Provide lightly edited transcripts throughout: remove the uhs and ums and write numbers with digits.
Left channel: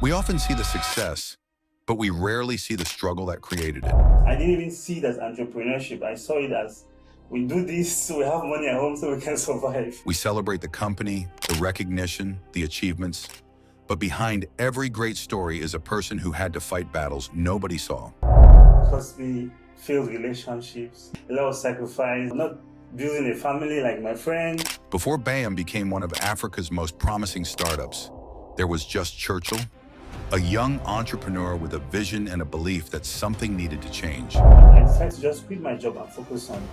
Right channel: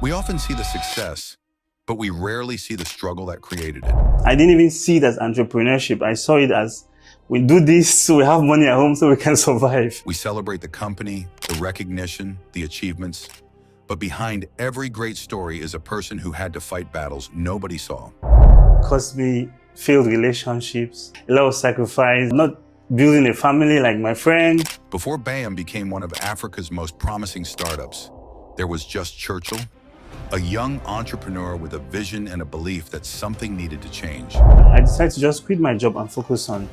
We often see the success, but we rarely see the struggle that created it. I didn't even see it as entrepreneurship. I saw it as, we do this so we have money at home so we can survive. We celebrate the company, the recognition, the achievements, but behind every great story is a person who had to fight battles nobody saw. Cost me failed relationships, a lot of sacrifice, not building a family like my friend. Before Buyam became one of Africa's most promising startups, there was just Churchill, a young entrepreneur with a vision and a belief that something needed to change. I decided to just quit my job and focus on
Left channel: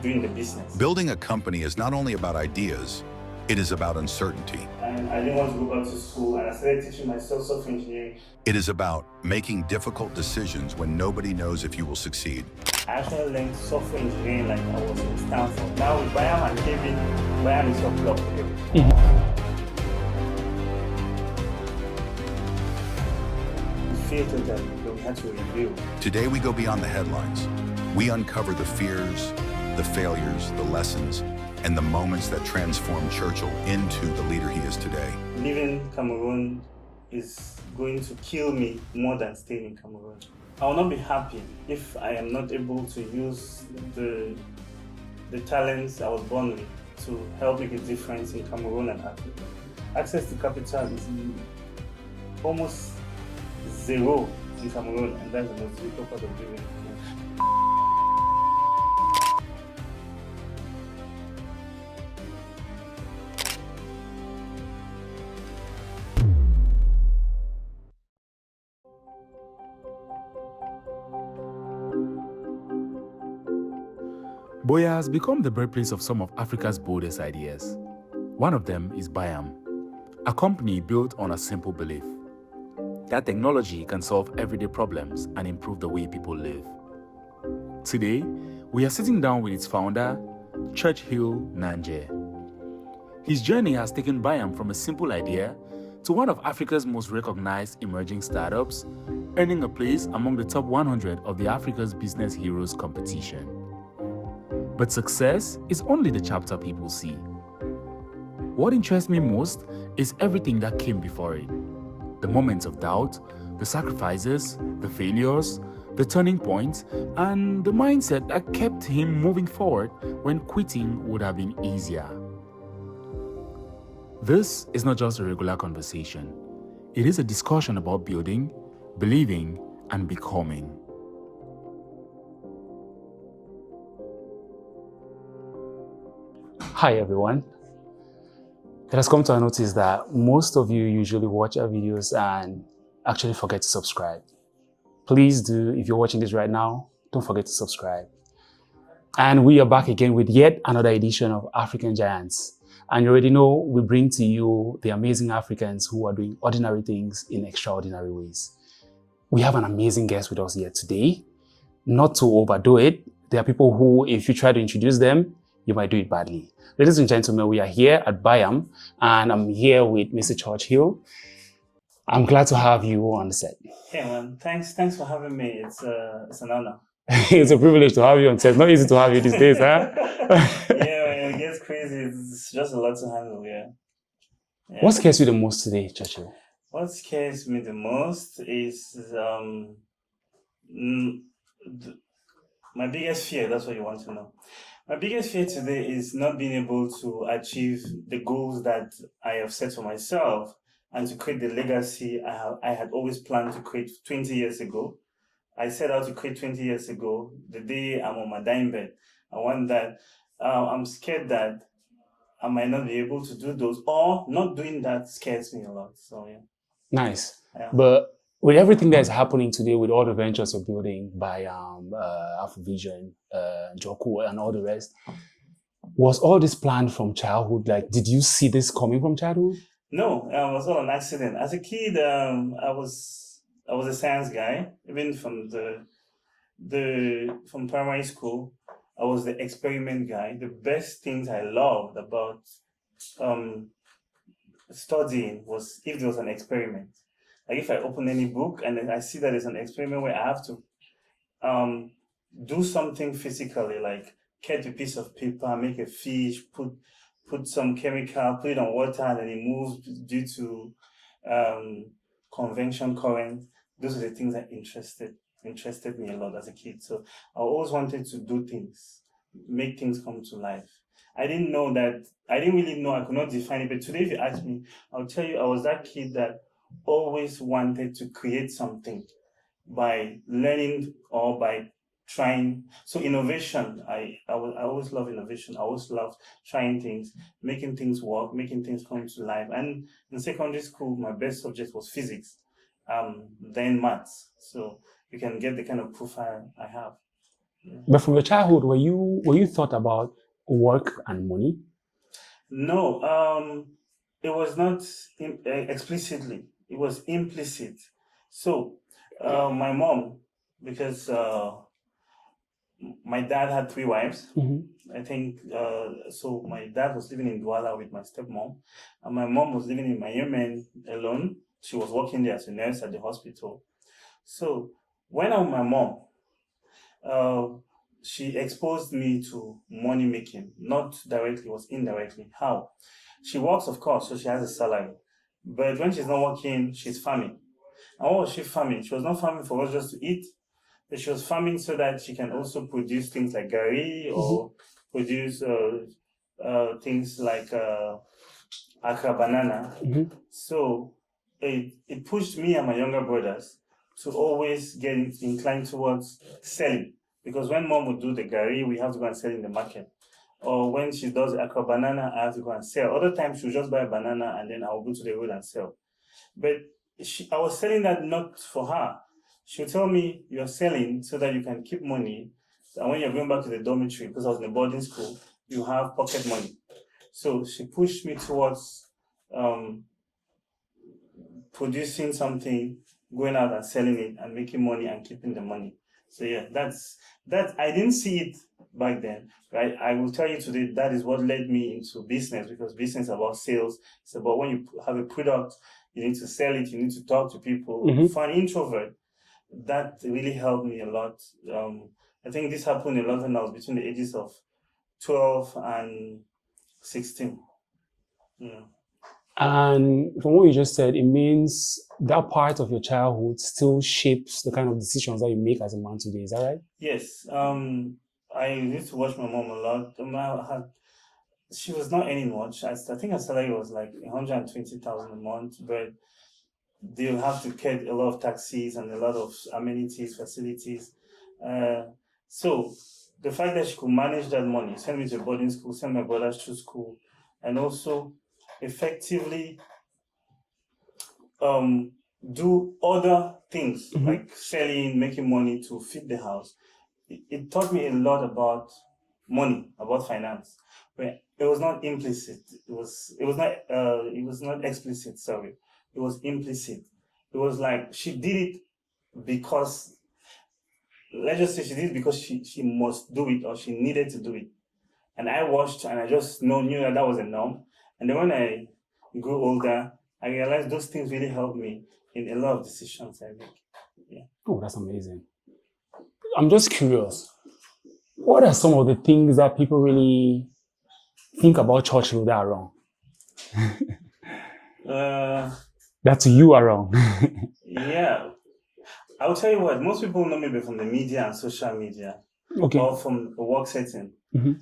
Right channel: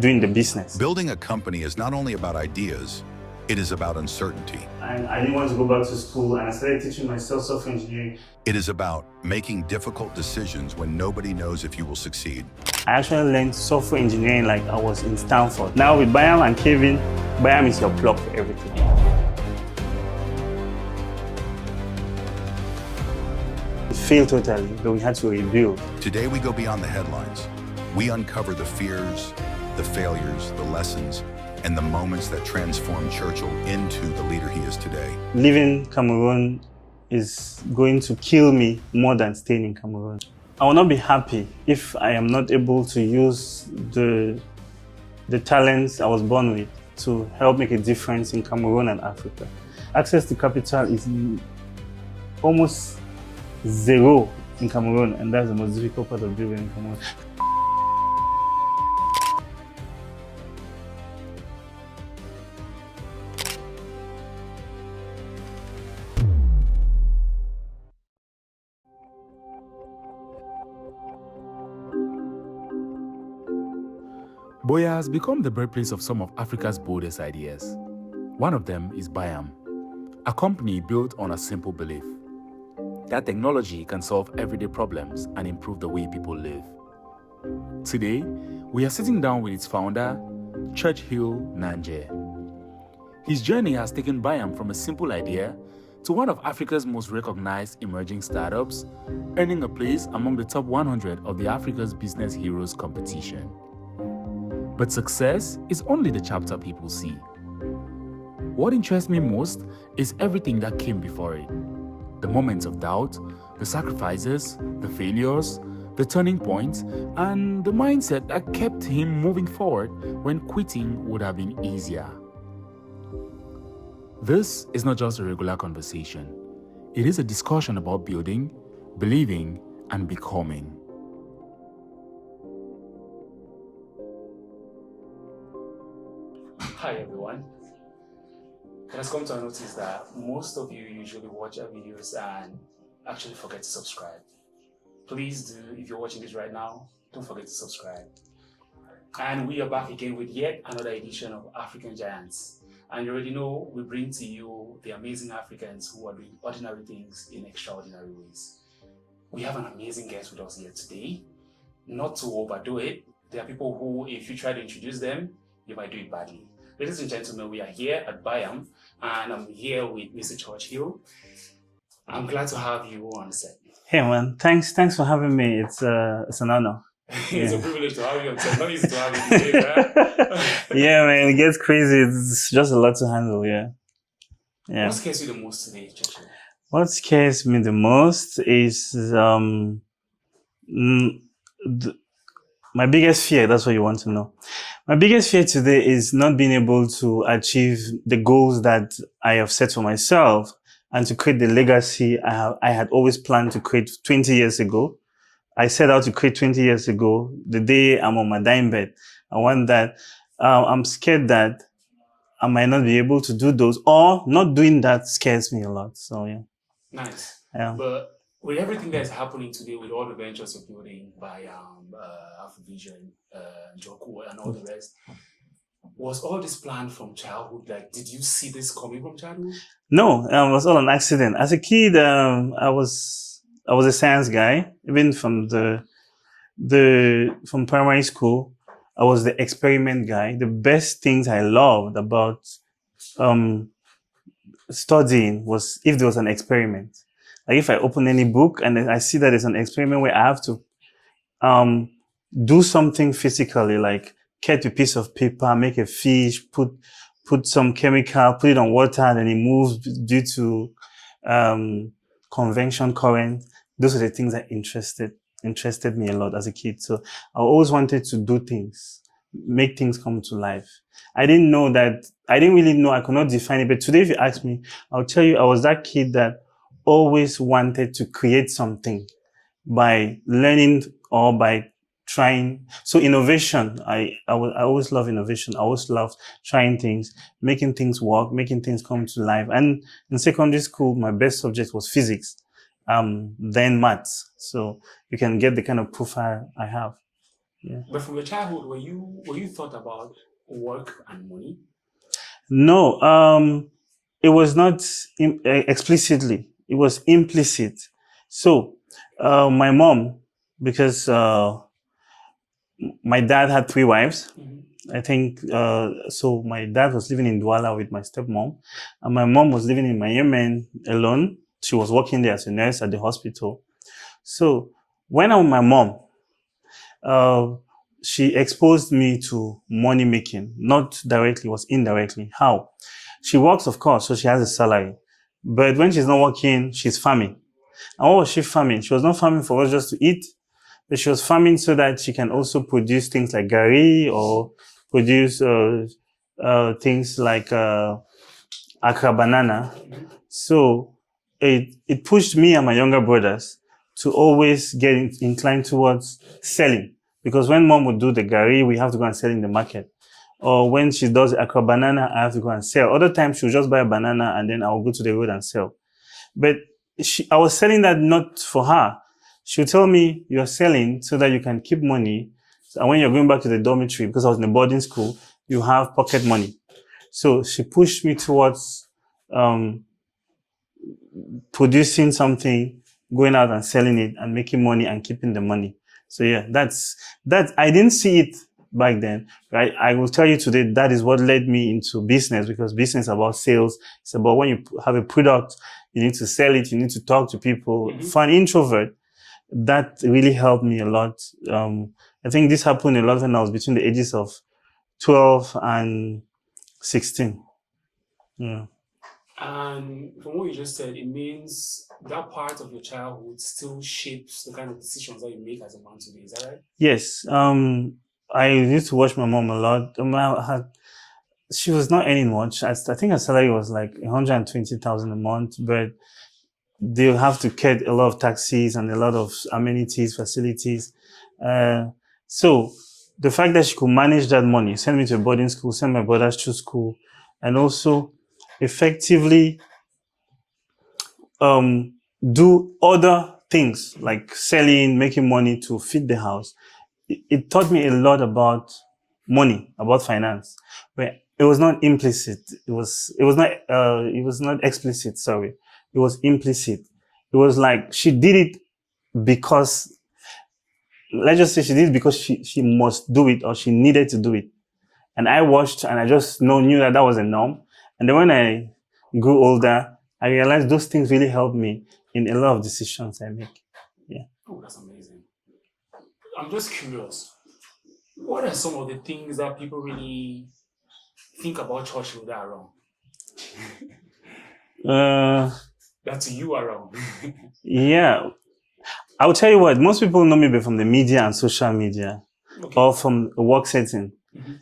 doing the business. Building a company is not only about ideas, it is about uncertainty. I didn't want to go back to school, and I started teaching myself software engineering. It is about making difficult decisions when nobody knows if you will succeed. I actually learned software engineering like I was in Stanford. Now with Buyam and Kevin, Buyam is your plug for everything. It failed totally, but we had to rebuild. Today we go beyond the headlines. We uncover the fears, the failures, the lessons, and the moments that transformed Churchill into the leader he is today. Leaving Cameroon is going to kill me more than staying in Cameroon. I will not be happy if I am not able to use the talents I was born with to help make a difference in Cameroon and Africa. Access to capital is almost zero in Cameroon, and that's the most difficult part of building in Cameroon. Buea has become the birthplace of some of Africa's boldest ideas. One of them is Buyam, a company built on a simple belief that technology can solve everyday problems and improve the way people live. Today, we are sitting down with its founder, Churchill Nanje. His journey has taken Buyam from a simple idea to one of Africa's most recognized emerging startups, earning a place among the top 100 of the Africa's Business Heroes competition. But success is only the chapter people see. What interests me most is everything that came before it. The moments of doubt, the sacrifices, the failures, the turning points, and the mindset that kept him moving forward when quitting would have been easier. This is not just a regular conversation. It is a discussion about building, believing, and becoming. Hi everyone. It has come to our notice that most of you usually watch our videos and actually forget to subscribe. Please do, if you're watching this right now, don't forget to subscribe. And we are back again with yet another edition of African Giants. And you already know we bring to you the amazing Africans who are doing ordinary things in extraordinary ways. We have an amazing guest with us here today. Not to overdo it, there are people who, if you try to introduce them, you might do it badly. Ladies and gentlemen, we are here at Buyam, and I'm here with Mr. Churchill. I'm glad to have you on the set. Hey man, thanks for having me. It's an honor. It's a privilege to have you on set. Not easy to have you these days, huh? Yeah, man, it gets crazy. It's just a lot to handle, yeah. What scares you the most today, Churchill? What scares me the most is my biggest fear. That's what you want to know. My biggest fear today is not being able to achieve the goals that I have set for myself and to create the legacy I had always planned to create 20 years ago. I set out to create 20 years ago, the day I'm on my dying bed. I want that. I'm scared that I might not be able to do those, or not doing that scares me a lot. So yeah. Nice. Yeah. But with everything that's happening today, with all the ventures you're building by Afrovision, Joku, and all the rest, was all this planned from childhood? Like, did you see this coming from childhood? No, it was all an accident. As a kid, I was a science guy. Even from from primary school, I was the experiment guy. The best things I loved about studying was if there was an experiment. Like if I open any book and I see that there's an experiment where I have to do something physically, like cut a piece of paper, make a fish, put some chemical, put it on water, and then it moves due to convention, current. Those are the things that interested me a lot as a kid. So I always wanted to do things, make things come to life. I didn't really know, I could not define it. But today, if you ask me, I'll tell you, I was that kid that always wanted to create something by learning or by trying. So innovation, I always love innovation. I always love trying things, making things work, making things come to life. And in secondary school, my best subject was physics, then maths. So you can get the kind of profile I have. Yeah. But from your childhood, were you thought about work and money? No, it was not explicitly. It was implicit. So my mom, because my dad had 3 wives. I think, so my dad was living in Douala with my stepmom, and my mom was living in Miami alone. She was working there as a nurse at the hospital. So when I'm with my mom, she exposed me to money making, not directly, was indirectly. How? She works, of course, so she has a salary. But when she's not working, she's farming. And what was she farming? She was not farming for us just to eat, but she was farming so that she can also produce things like gari or produce things like Accra banana. So it pushed me and my younger brothers to always get inclined towards selling. Because when mom would do the gari, we have to go and sell in the market. Or when she does Accra banana, I have to go and sell. Other times she'll just buy a banana and then I'll go to the road and sell. But I was selling that not for her. She'll tell me, you're selling so that you can keep money. And when you're going back to the dormitory, because I was in a boarding school, you have pocket money. So she pushed me towards producing something, going out and selling it and making money and keeping the money. So yeah, that's I didn't see it back then, right? I will tell you today that is what led me into business, because business is about sales. It's about when you have a product, you need to sell it, you need to talk to people. For an introvert, that really helped me a lot. I think this happened a lot when I was between the ages of 12 and 16. Yeah. And from what you just said, it means that part of your childhood still shapes the kind of decisions that you make as a man today. Is that right? Yes. I used to watch my mom a lot. She was not earning much. I think her salary was like 120,000 a month, but they'll have to get a lot of taxis and a lot of amenities, facilities. So the fact that she could manage that money, send me to a boarding school, send my brothers to school, and also effectively do other things like selling, making money to feed the house. It taught me a lot about money, about finance. But it was not implicit. It was not explicit. Sorry, it was implicit. It was like she did it because, let's just say she did it because she must do it or she needed to do it. And I watched and I just knew that was a norm. And then when I grew older, I realized those things really helped me in a lot of decisions I make. Yeah. Oh, that's amazing. I'm just curious. What are some of the things that people really think about Churchill that are wrong? That to you are wrong. Yeah. I will tell you what, most people know me from the media and social media, or from a work setting.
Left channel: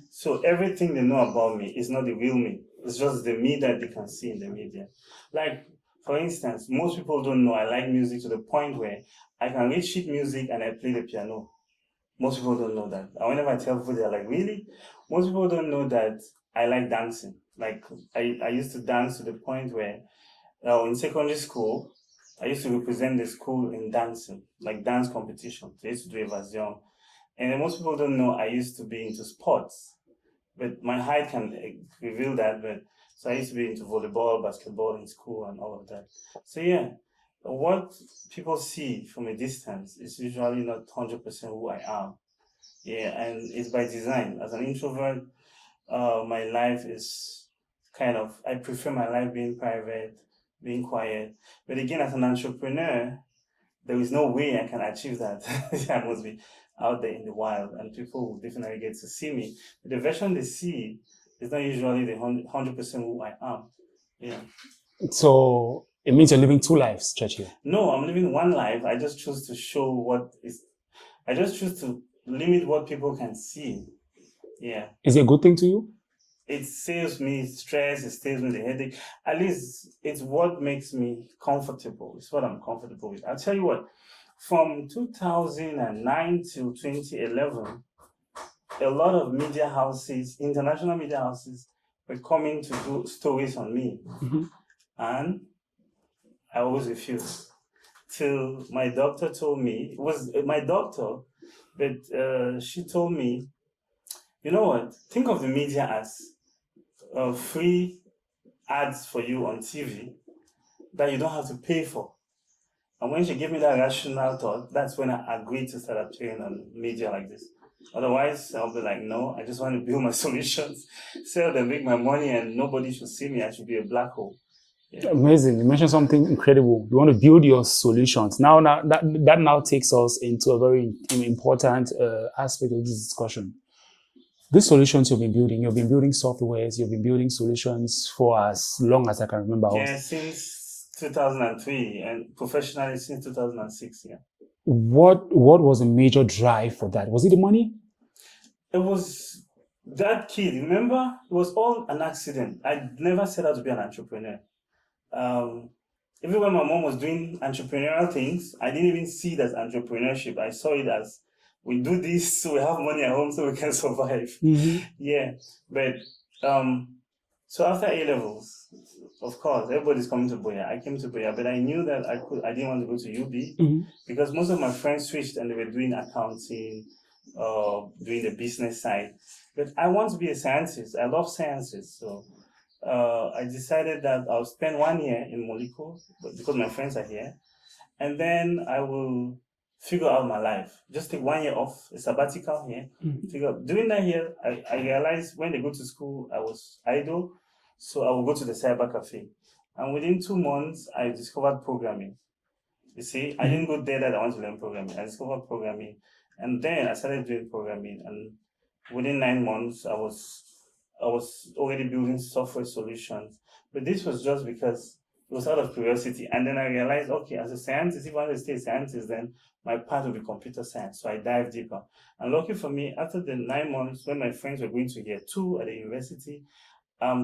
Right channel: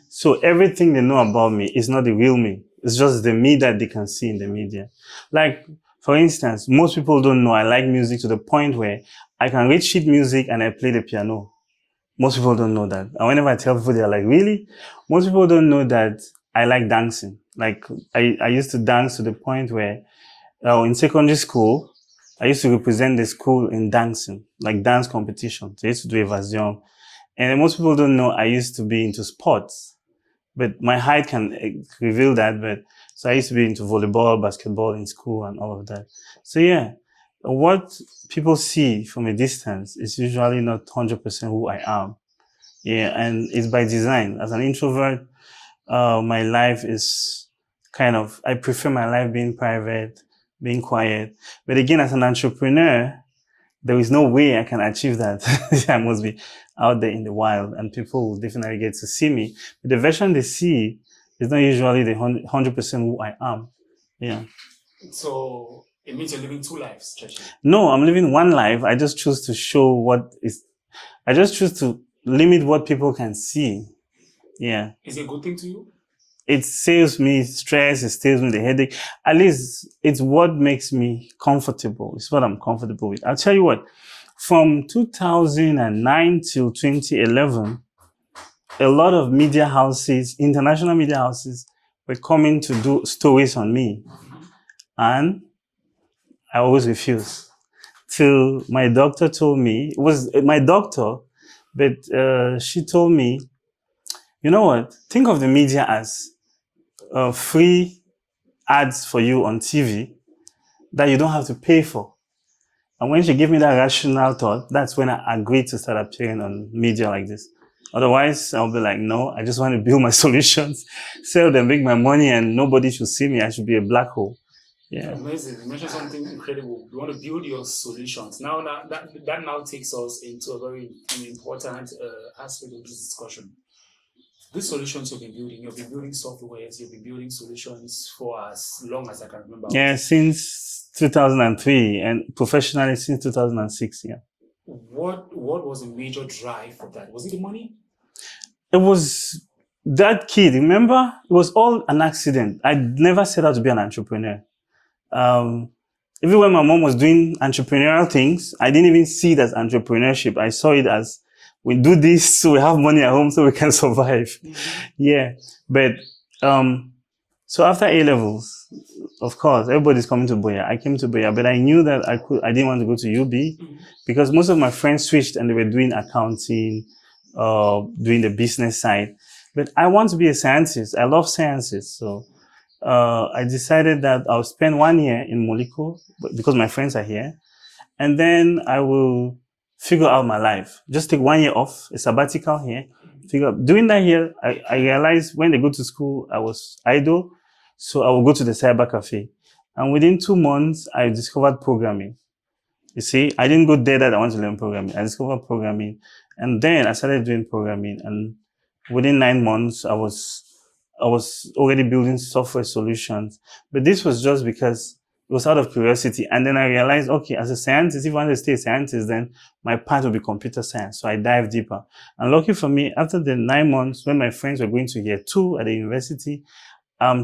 So everything they know about me is not the real me. It's just the me that they can see in the media. Like, for instance, most people don't know I like music to the point where I can read sheet music and I play the piano. Most people don't know that. And whenever I tell people, they're like, really? Most people don't know that I like dancing. Like, I used to dance to the point where in secondary school, I used to represent the school in dancing, like dance competitions. I used to do evasion. And most people don't know I used to be into sports. But my height can reveal that. But so I used to be into volleyball, basketball in school and all of that. So yeah, what people see from a distance is usually not 100% who I am. Yeah, and it's by design. As an introvert, my life is I prefer my life being private, being quiet. But again, as an entrepreneur, there is no way I can achieve that. I must be out there in the wild and people will definitely get to see me. But the version they see is not usually the 100% who I am. Yeah. So It means you're living two lives, Churchill. No, I'm living one life. I just choose to show I just choose to limit what people can see. Yeah. Is it a good thing to you? It saves me stress, it saves me the headache. At least it's what makes me comfortable. It's what I'm comfortable with. I'll tell you what, from 2009 till 2011, a lot of media houses, international media houses, were coming to do stories on me. Mm-hmm. And I always refused. Till my doctor told me, it was my doctor, but she told me, you know what, think of the media as free ads for you on TV that you don't have to pay for. And when she gave me that rational thought, that's when I agreed to start appearing on media like this. Otherwise, I'll be like, no, I just want to build my solutions, sell them, make my money, and nobody should see me. I should be a black hole. Yeah. Amazing. You mentioned something incredible. You want to build your solutions. Now that now takes us into a very important aspect of this discussion. These solutions you've been building softwares, you've been building solutions for as long as I can remember. Yeah, since 2003 and professionally since 2006, yeah. What was the major drive for that? Was it the money? It was that kid, remember? It was all an accident. I never set out to be an entrepreneur. Even when my mom was doing entrepreneurial things, I didn't even see it as entrepreneurship. I saw it as, we do this so we have money at home so we can survive. Mm-hmm. Yeah. But so after A-levels, of course, everybody's coming to Buyam. I came to Buyam, but I knew that I didn't want to go to UB Mm-hmm. because most of my friends switched and they were doing accounting, doing the business side. But I want to be a scientist. I love sciences. So I decided that I'll spend 1 year in Moliko because my friends are here. And then I will figure out my life. Just take 1 year off, a sabbatical here. Mm-hmm. Figure out. Doing that here, I realized when they go to school, I was idle. So I will go to the cyber cafe. And within 2 months, I discovered programming. You see, I didn't go there that I want to learn programming. I discovered programming. And then I started doing programming. And within 9 months, I was already building software solutions. But this was just because it was out of curiosity. And then I realized, okay, as a scientist, if I want to stay a scientist, then my path will be computer science. So I dived deeper. And lucky for me, after the 9 months, when my friends were going to year 2 at the university,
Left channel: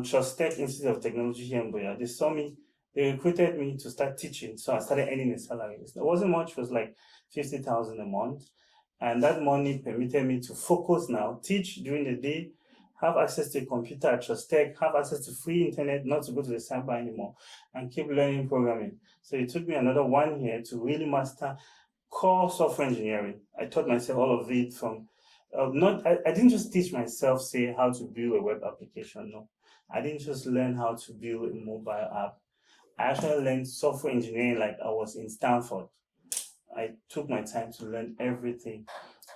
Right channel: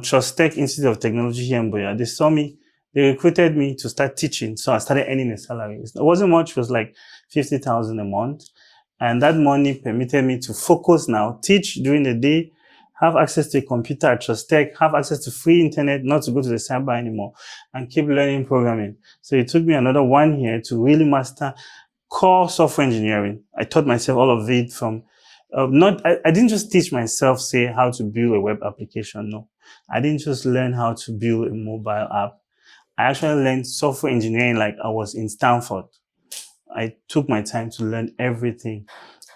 Trust Tech Institute of Technology here in Buyam, they saw me, they recruited me to start teaching. So I started earning a salary. It wasn't much, it was like 50,000 a month. And that money permitted me to focus now, teach during the day, have access to a computer at Trust Tech, have access to free internet, not to go to the cyber anymore, and keep learning programming. So it took me another 1 year to really master core software engineering. I taught myself all of it from, I didn't just teach myself, say, how to build a web application, no. I didn't just learn how to build a mobile app. I actually learned software engineering like I was in Stanford. I took my time to learn everything.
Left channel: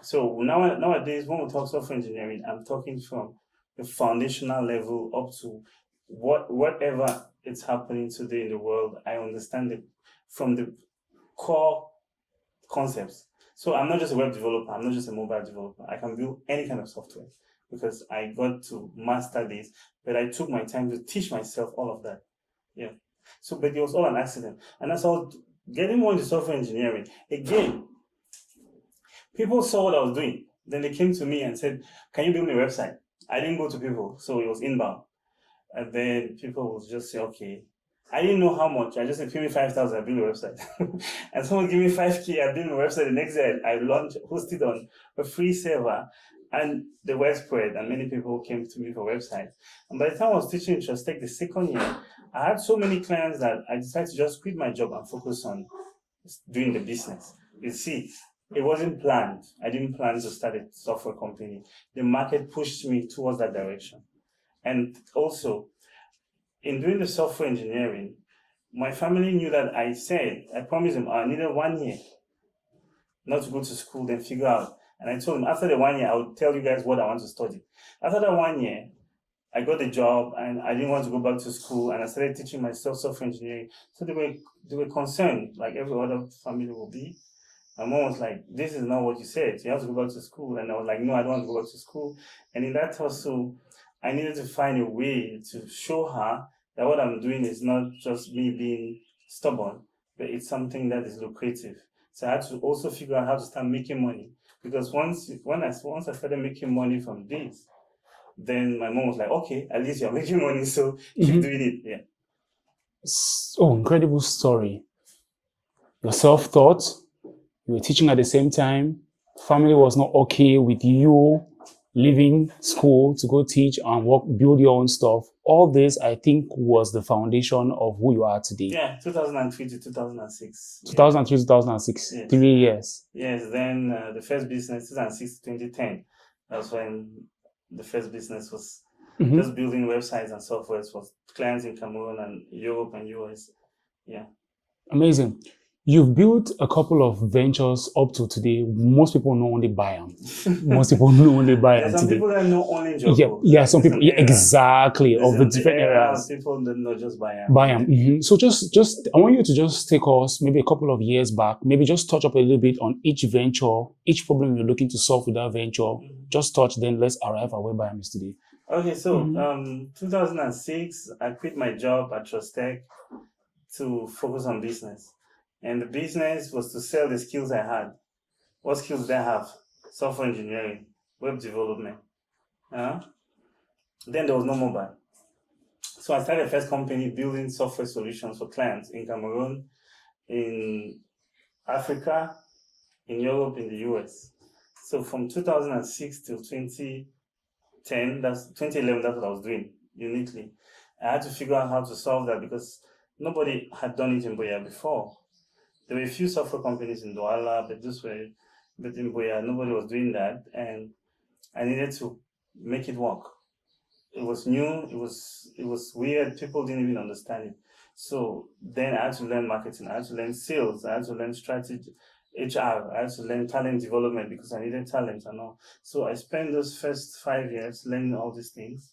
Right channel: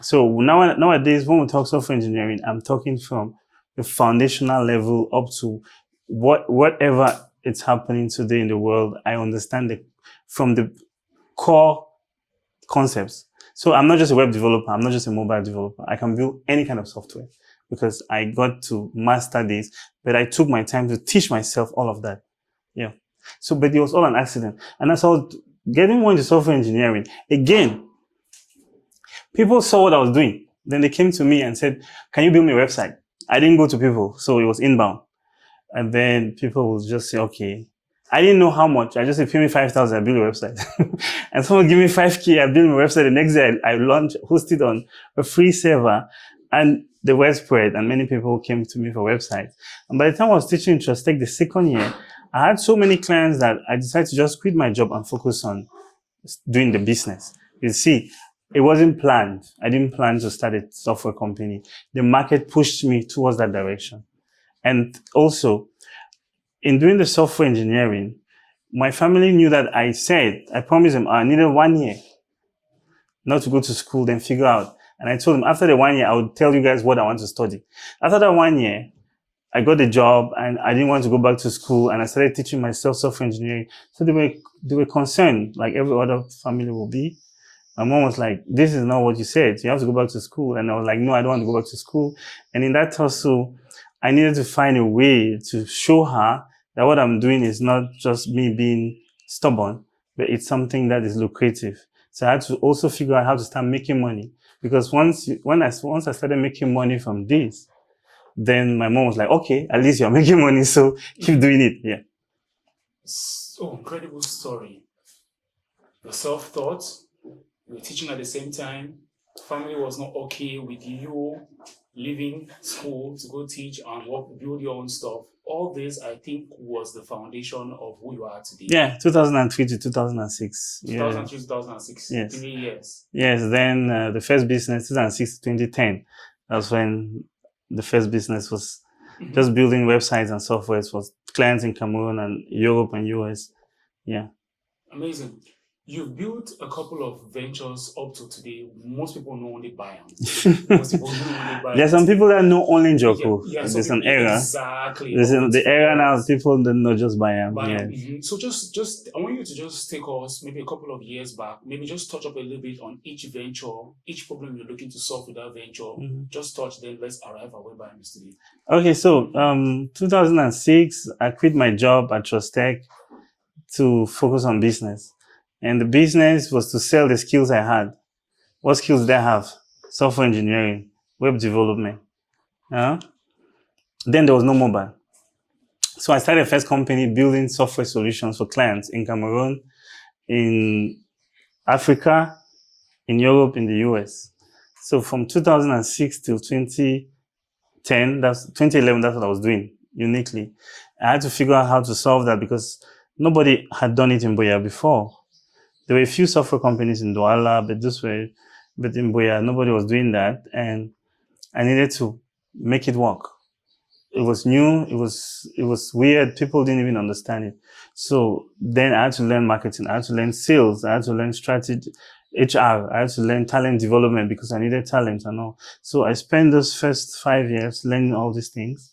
So nowadays, when we talk software engineering, I'm talking from the foundational level up to whatever it's happening today in the world. I understand from the core concepts. So I'm not just a web developer. I'm not just a mobile developer. I can build any kind of software because I got to master this, but I took my time to teach myself all of that. Yeah. So, but it was all an accident. And as I was getting more into software engineering, again, people saw what I was doing. Then they came to me and said, can you build me a website? I didn't go to people, so it was inbound. And then people would just say, okay. I didn't know how much. I just said, pay me 5,000, I build a website. And someone give me 5K, I build my website. The next day, I hosted on a free server, and the word spread, and many people came to me for websites. And by the time I was teaching in Trust Tech the second year, I had so many clients that I decided to just quit my job and focus on doing the business. You see, it wasn't planned. I didn't plan to start a software company. The market pushed me towards that direction. And also, in doing the software engineering, my family knew that I promised them I needed 1 year not to go to school, then figure out. And I told them after the 1 year, I would tell you guys what I want to study. After that 1 year, I got a job and I didn't want to go back to school, and I started teaching myself software engineering. So they were concerned, like every other family will be. My mom was like, this is not what you said. You have to go back to school. And I was like, no, I don't want to go back to school. And in that hustle, I needed to find a way to show her that what I'm doing is not just me being stubborn, but it's something that is lucrative. So I had to also figure out how to start making money, because once I started making money from this, then my mom was like, okay, at least you're making money, so keep doing it. Yeah. Oh, incredible story. You're self-taught, you were teaching at the same time, family was not okay with you leaving school to go teach and work, build your own stuff. All this, I think, was the foundation of who you are today. Yeah, 2003 to 2006. 2003 to 2006, Yes. 3 years. Yes, then the first business, 2006 to 2010, that's when the first business was just building websites and softwares for clients in Cameroon and Europe and US. Yeah. Amazing. You've built a couple of ventures up to today. Most people know only Buyam. Most people know only Buyam. There's some today. people that know only Njoku. Yeah, some There's people, an era. exactly. There's of the different era now, eras. people that know just Buyam. Buyam. Yeah. So just, I want you to just take us maybe a couple of years back, maybe just touch up a little bit on each venture, each problem you're looking to solve with that venture. Just touch, then let's arrive at where Buyam is today. Okay, so 2006, I quit my job at Trust Tech to focus on business. And the business was to sell the skills I had. What skills did I have? Software engineering, web development. Then there was no mobile. So I started a first company building software solutions for clients in Cameroon, in Africa, in Europe, in the US. So from 2006 till 2011, that's what I was doing uniquely. I had to figure out how to solve that because nobody had done it in Buyam before. There were a few software companies in Douala, but in Buyam, nobody was doing that. And I needed to make it work. It was new. It was weird. People didn't even understand it. So then I had to learn marketing. I had to learn sales. I had to learn strategy, HR. I had to learn talent development because I needed talent and all. So I spent those first 5 years learning all these things,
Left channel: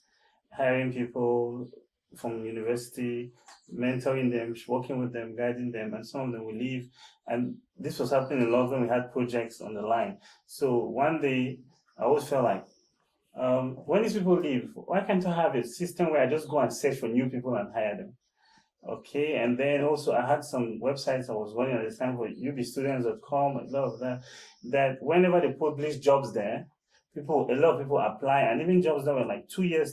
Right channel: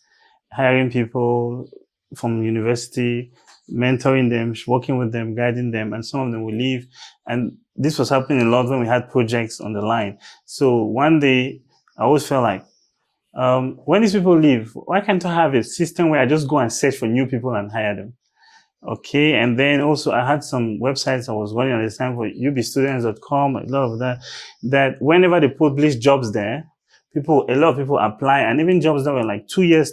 hiring people from university, mentoring them, working with them, guiding them, and some of them will leave. And this was happening a lot when we had projects on the line. So one day, I always felt like, when these people leave, why can't I have a system where I just go and search for new people and hire them? Okay, and then also I had some websites I was running at the time for ubstudents.com, a lot of that whenever they publish jobs there, a lot of people apply, and even jobs that were like 2 years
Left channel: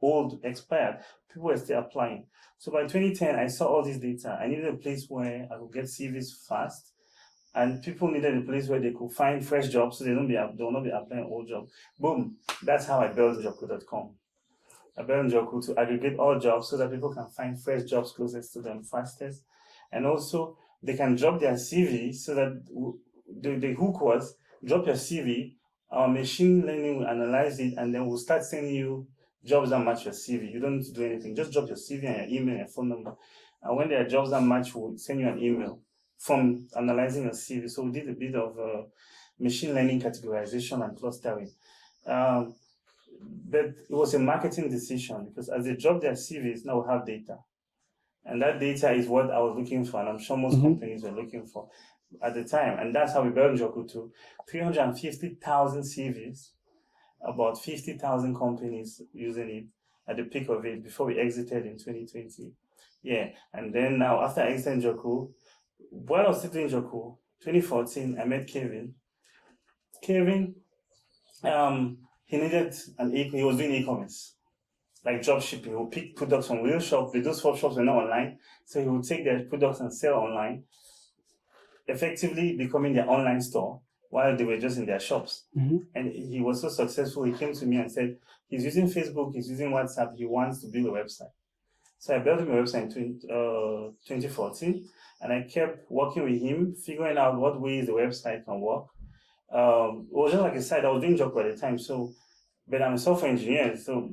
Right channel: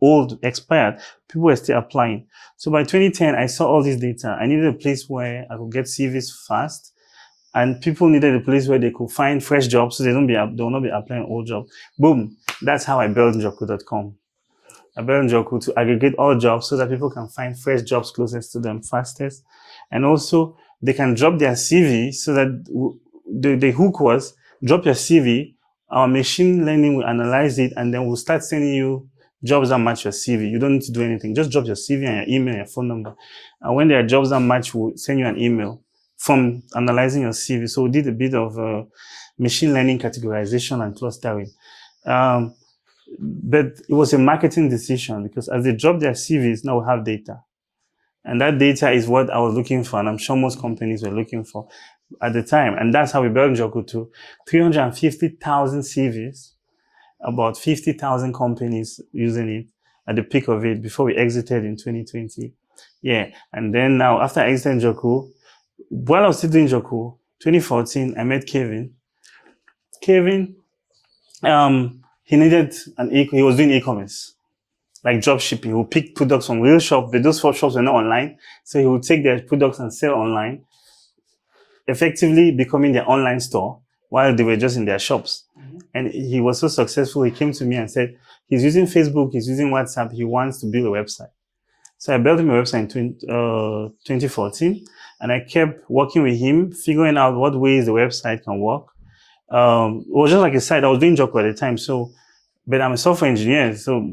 old, expired, people were still applying. So by 2010, I saw all this data. I needed a place where I could get CVs fast, and people needed a place where they could find fresh jobs so they will not be applying old jobs. Boom. That's how I built Njoku.com. I built Njoku to aggregate all jobs so that people can find fresh jobs closest to them fastest. And also, they can drop their CV so that the hook was, drop your CV, our machine learning will analyze it, and then we'll start sending you jobs that match your CV. You don't need to do anything. Just drop your CV and your email and your phone number. And when there are jobs that match, we'll send you an email from analyzing your CV. So we did a bit of machine learning categorization and clustering. But it was a marketing decision because as they drop their CVs, now we have data. And that data is what I was looking for, and I'm sure most companies were looking for at the time. And that's how we built Njoku to 350,000 CVs, about 50,000 companies using it at the peak of it before we exited in 2020. Yeah, and then now after I exited Njoku, while I was still doing Njoku, 2014, I met Kevin. Kevin, he was doing e-commerce, like drop shipping. He would pick products from real shops, but those shops were not online. So he would take their products and sell online, effectively becoming their online store while they were just in their shops. And he was so successful, he came to me and said, he's using Facebook, he's using WhatsApp, he wants to build a website. So I built him a website in 2014, and I kept working with him, figuring out what ways the website can work. It was just like a site. I was doing Njoku at the time, but I'm a software engineer, so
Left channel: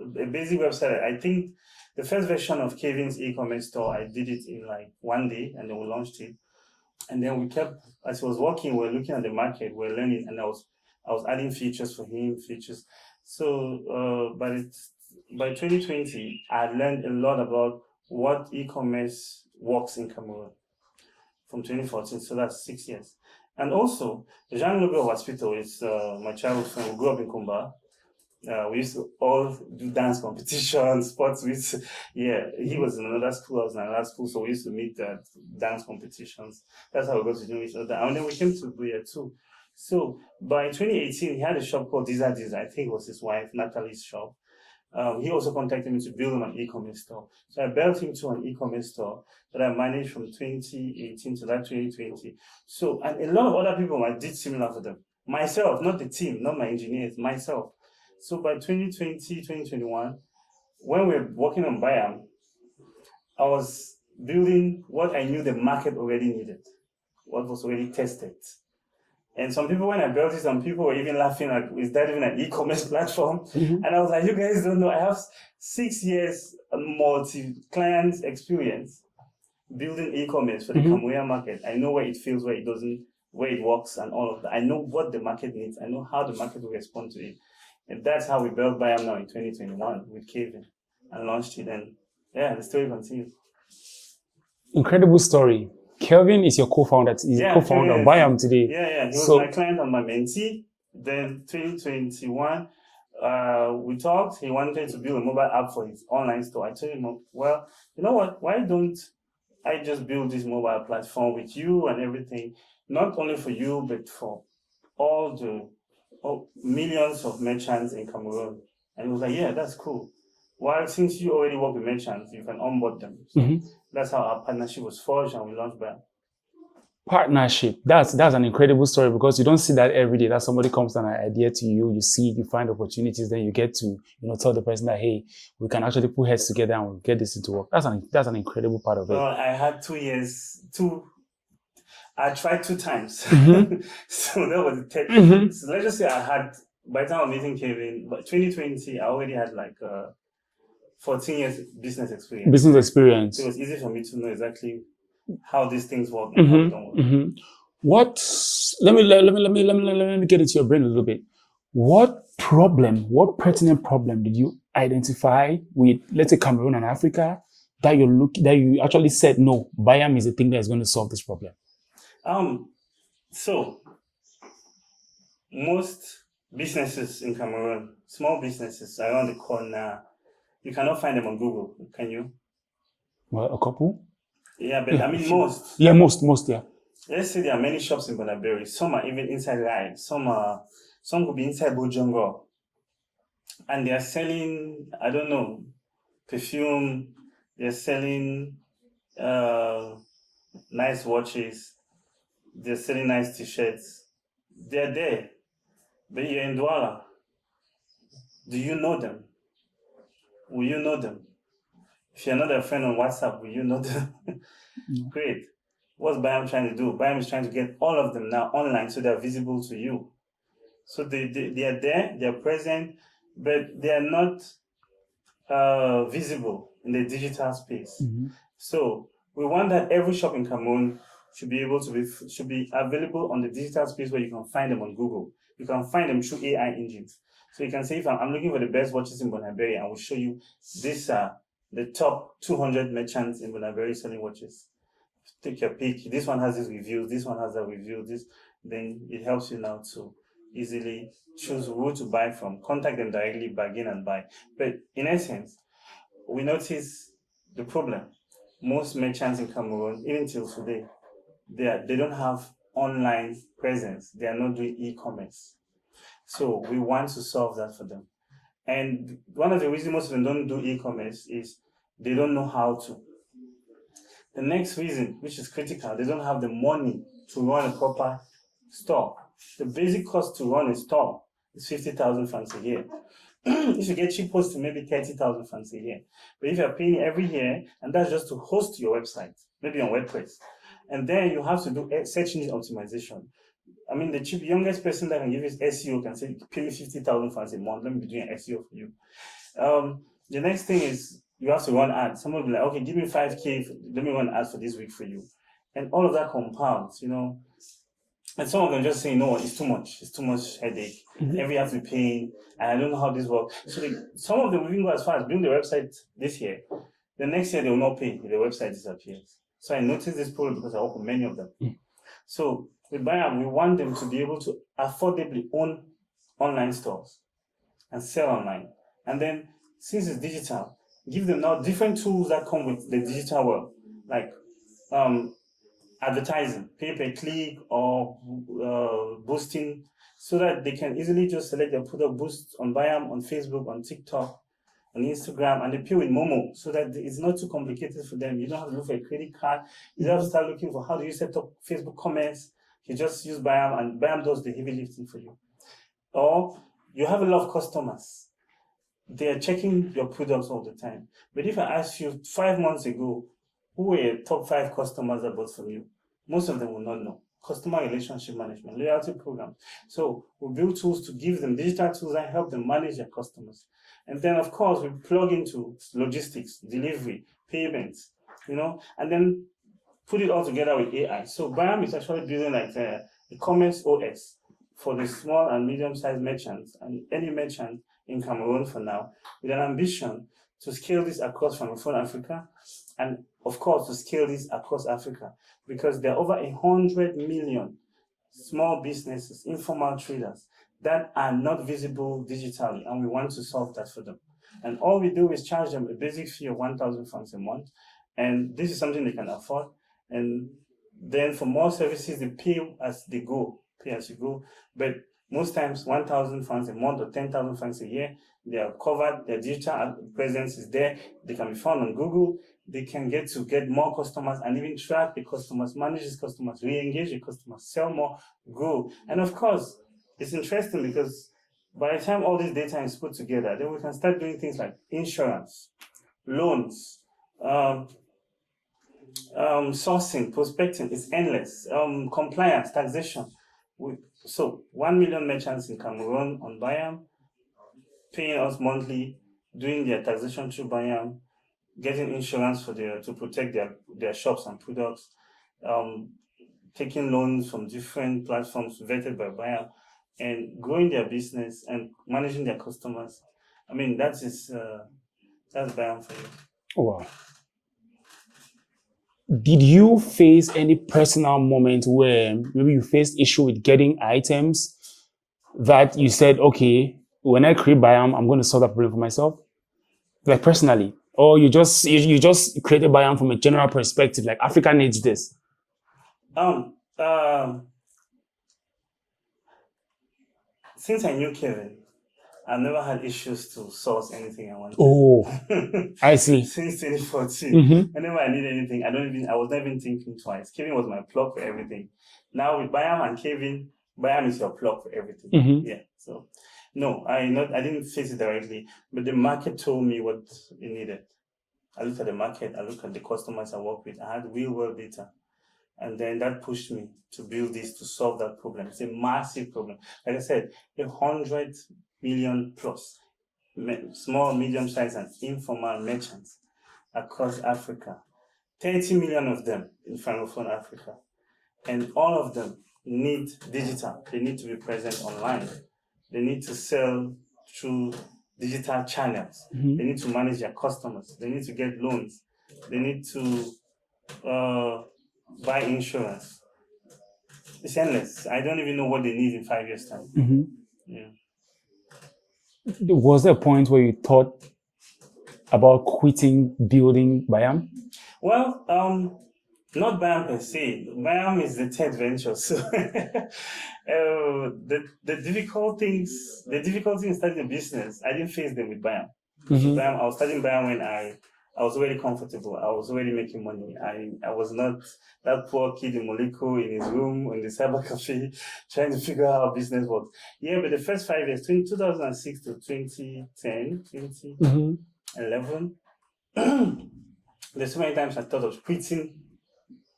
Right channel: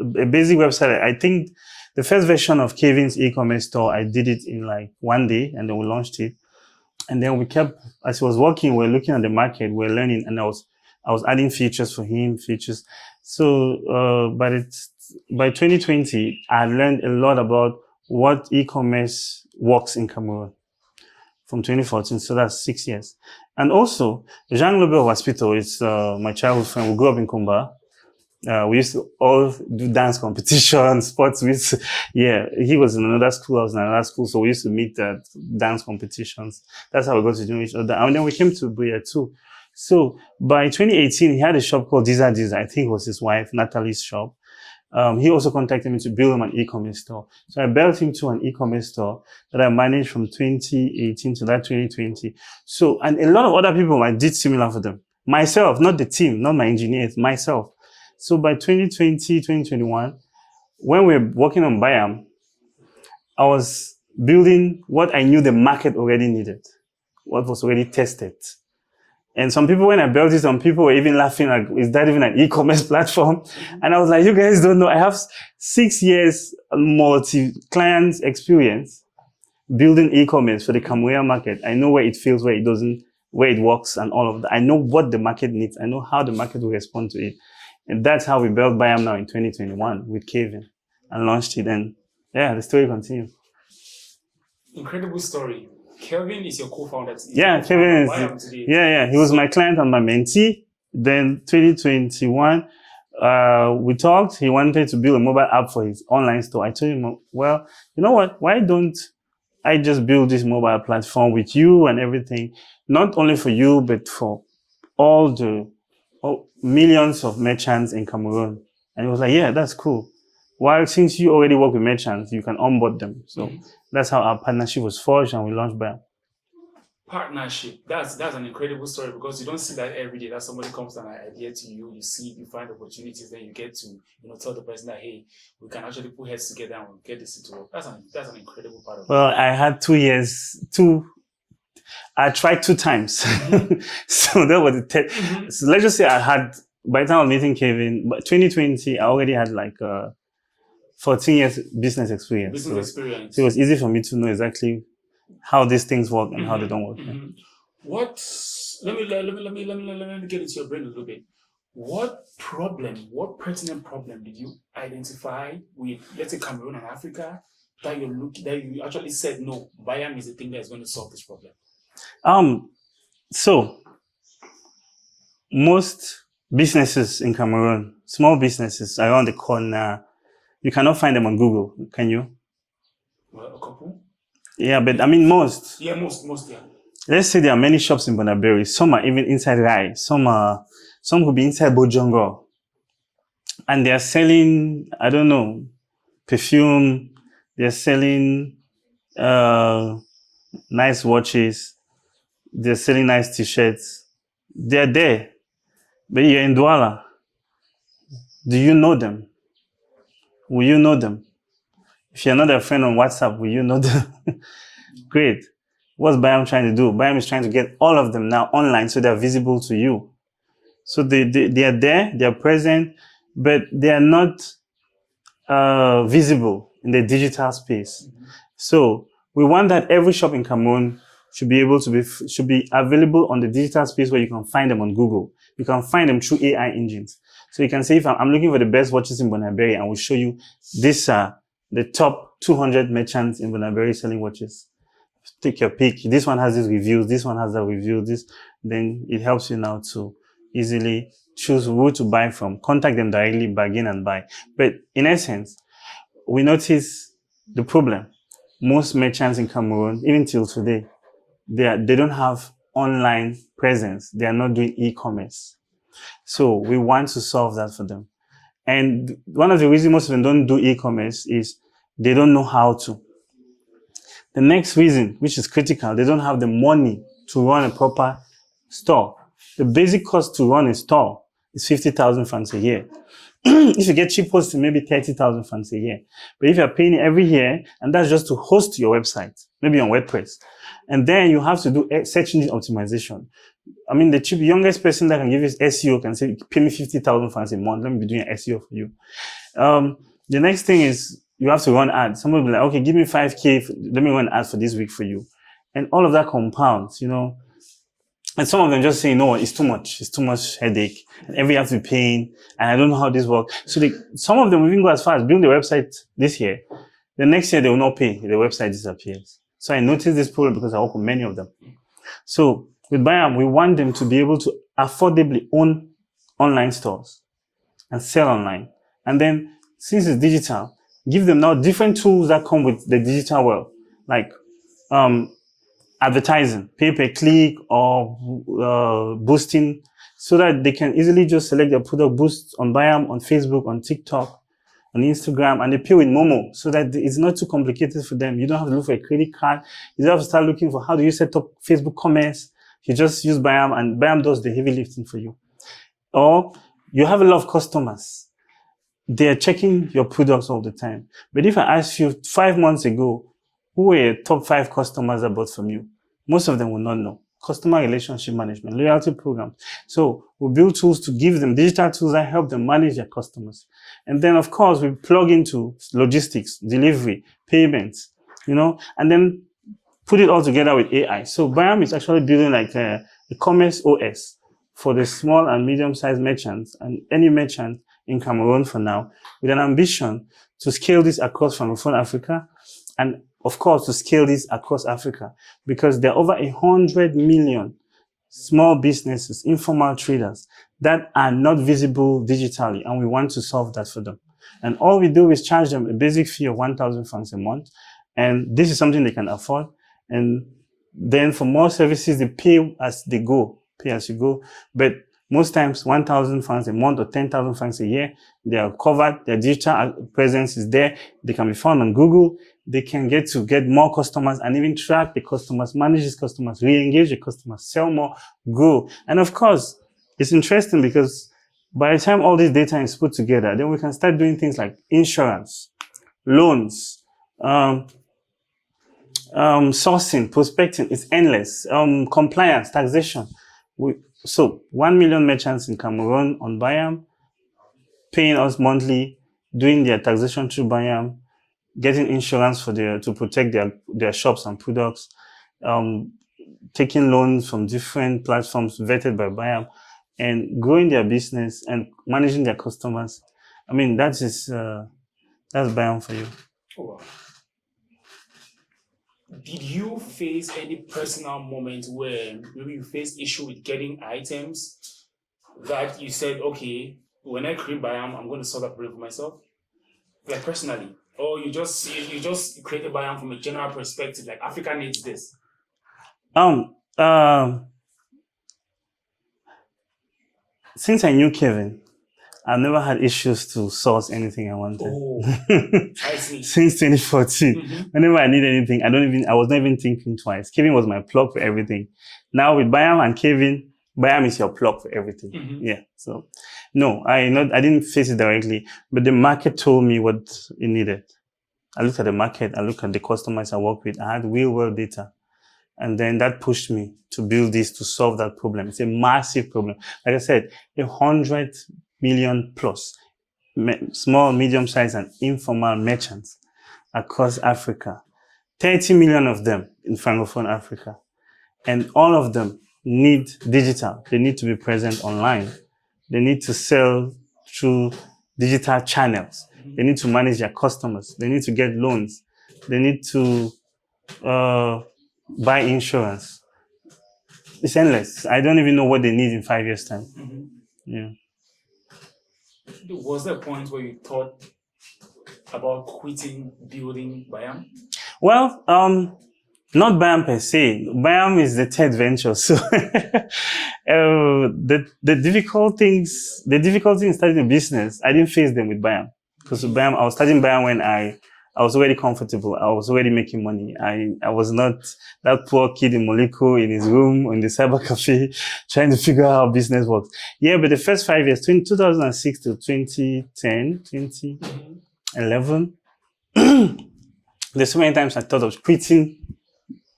a basic website. I think the first version of Kevin's e-commerce store, I did it in like 1 day, and then we launched it. And then we kept, as he was working, we were looking at the market, we were learning, and I was adding features for him, So, by 2020, I learned a lot about what e-commerce works in Cameroon from 2014. So that's 6 years. And also, Jean Lobel Hospital is my childhood friend. We grew up in Kumba. We used to all do dance competitions, sports. He was in another school, I was in another school, so we used to meet at dance competitions. That's how we got to know each other. And then we came to Buyam too. So by 2018, he had a shop called Diza Diza. I think it was his wife, Natalie's shop. He also contacted me to build him an e-commerce store. So I built him to an e-commerce store that I managed from 2018 to that 2020. So, and a lot of other people, I did similar for them. Myself, not the team, not my engineers, myself. So by 2020, 2021, when we were working on Buyam, I was building what I knew the market already needed, what was already tested. And some people, when I built it, some people were even laughing, like, is that even an e-commerce platform? Mm-hmm. And I was like, you guys don't know. I have 6 years multi-client experience building e-commerce for the Cameroon market. I know where it fails, where it doesn't, where it works, and all of that. I know what the market needs. I know how the market will respond to it. And that's how we built Buyam now in 2021 with Kevin and launched it. And yeah, the story continues. Incredible story. Kelvin is your co-founder. Co-founder of Buyam today. Yeah. He was my client and my mentee. Then 2021, we talked. He wanted to build a mobile app for his online store. I told him, well, you know what? Why don't I just build this mobile platform with you and everything? Not only for you, but for all the millions of merchants in Cameroon. And he was like, yeah, that's cool. Well, since you already work with merchants, you can onboard them. So that's how our partnership was forged, and we launched Buyam. Partnership. That's an incredible story, because you don't see that every day. That somebody comes with an idea to you, you see it, you find opportunities, then you get to tell the person that, hey, we can actually put heads together and we'll get this into work. That's an incredible part of it. Well, I had 2 years. I tried 2 times. So that was the third. So let's just say by the time I was meeting Kevin, but 2020, I already had like 14 years business experience. So it was easy for me to know exactly how these things work and how they don't work. Let me get into your brain a little bit. What pertinent problem did you identify with, let's say, Cameroon and Africa, that you actually said, no, Buyam is the thing that is going to solve this problem? So most businesses in Cameroon, small businesses around the corner, you cannot find them on Google, can you? Well, a couple. Yeah, but I mean most. Yeah, most, yeah. Let's say there are many shops in Bonaberi. Some are even inside Rai. Some could be inside Bojongo. And they are selling, I don't know, perfume. They're selling nice watches. They're selling nice t-shirts. They're there. But you're in Douala. Do you know them? Will you know them? If you're not their friend on WhatsApp, will you know them? Great. What's Buyam trying to do? Buyam is trying to get all of them now online so they're visible to you. So they are there, they are present, but they are not visible in the digital space. So we want that every shop in Cameroon should be available on the digital space where you can find them on Google. You can find them through AI engines. So you can say, if I'm looking for the best watches in Bonaberi, and we'll show you these are the top 200 merchants in Bonaberi selling watches. Take your pick. This one has these reviews. This one has that review. Then it helps you now to easily choose who to buy from. Contact them directly, bargain and buy. But in essence, we notice the problem. Most merchants in Cameroon, even till today, they don't have online presence. They are not doing e-commerce. So we want to solve that for them. And one of the reasons most of them don't do e-commerce is they don't know how to. The next reason, which is critical, they don't have the money to run a proper store. The basic cost to run a store is 50,000 francs a year. If you get cheap hosting, maybe 30,000 francs a year. But if you're paying every year, and that's just to host your website, maybe on WordPress, and then you have to do search engine optimization. I mean, the youngest person that can give you SEO can say, pay me 50,000 francs a month. Let me be doing SEO for you. The next thing is you have to run ads. Someone will be like, okay, give me 5K. Let me run ads for this week for you. And all of that compounds, And some of them just say, no, it's too much. It's too much headache. Every have to be paying. And I don't know how this works. So some of them will even go as far as building the website this year. The next year, they will not pay. The website disappears. So I noticed this problem because I work with many of them. So with Buyam, we want them to be able to affordably own online stores and sell online. And then since it's digital, give them now different tools that come with the digital world, like advertising, pay per click, or boosting, so that they can easily just select their product, boost on Buyam, on Facebook, on TikTok, on Instagram, and they pay with Momo, so that it's not too complicated for them. You don't have to look for a credit card. You don't have to start looking for how do you set up Facebook commerce. You just use Buyam, and Buyam does the heavy lifting for you. Or you have a lot of customers. They're checking your products all the time. But if I ask you 5 months ago, who were your top 5 customers that bought from you? Most of them will not know. Customer relationship management, loyalty programs. So we build tools to give them digital tools that help them manage their customers. And then, of course, we plug into logistics, delivery, payments, and then put it all together with AI. So Buyam is actually building like a commerce OS for the small and medium-sized merchants and any merchant in Cameroon for now, with an ambition to scale this across Francophone Africa, and of course to scale this across Africa, because there are over 100 million small businesses, informal traders that are not visible digitally, and we want to solve that for them. And all we do is charge them a basic fee of 1,000 francs a month, and this is something they can afford. And then for more services, they pay as they go, pay as you go. But most times, 1,000 francs a month or 10,000 francs a year, they are covered. Their digital presence is there. They can be found on Google. They can get more customers and even track the customers, manage these customers, re-engage the customers, sell more, grow. And of course, it's interesting because by the time all this data is put together, then we can start doing things like insurance, loans, sourcing, prospecting. It's endless. Compliance, taxation. So 1 million merchants in Cameroon on Buyam, paying us monthly, doing their taxation through Buyam, getting insurance to protect their shops and products, taking loans from different platforms vetted by Buyam, and growing their business and managing their customers. I mean, that's Buyam for you. Oh, wow. Did you face any personal moment where maybe you faced issue with getting items that you said, okay, when I create Buyam, I'm going to solve that problem for myself? Like personally? Or you just created Buyam from a general perspective, like Africa needs this? Since I knew Kevin, I've never had issues to source anything I wanted. Oh, I see. Since 2014, whenever I need anything, I was not even thinking twice. Kevin was my plug for everything. Now with Buyam and Kevin, Buyam is your plug for everything. Yeah. So no, I didn't face it directly, but the market told me what it needed. I looked at the market, I looked at the customers I work with. I had real world data. And then that pushed me to build this to solve that problem. It's a massive problem. Like I said, 100 million plus small, medium-sized, and informal merchants across Africa. 30 million of them in Francophone Africa. And all of them need digital. They need to be present online. They need to sell through digital channels. They need to manage their customers. They need to get loans. They need to buy insurance. It's endless. I don't even know what they need in 5 years' time. Yeah. Was there a point where you thought about quitting building Buyam? Well, not Buyam per se. Buyam is the third venture. So the difficult things in starting a business, I didn't face them with Buyam. Because Buyam, I was starting Buyam when I was already comfortable. I was already making money. I was not that poor kid in Moliko in his room in the cyber cafe trying to figure out how business works. Yeah, but the first 5 years, 2006 to 2010, 2011, there's so many times I thought of quitting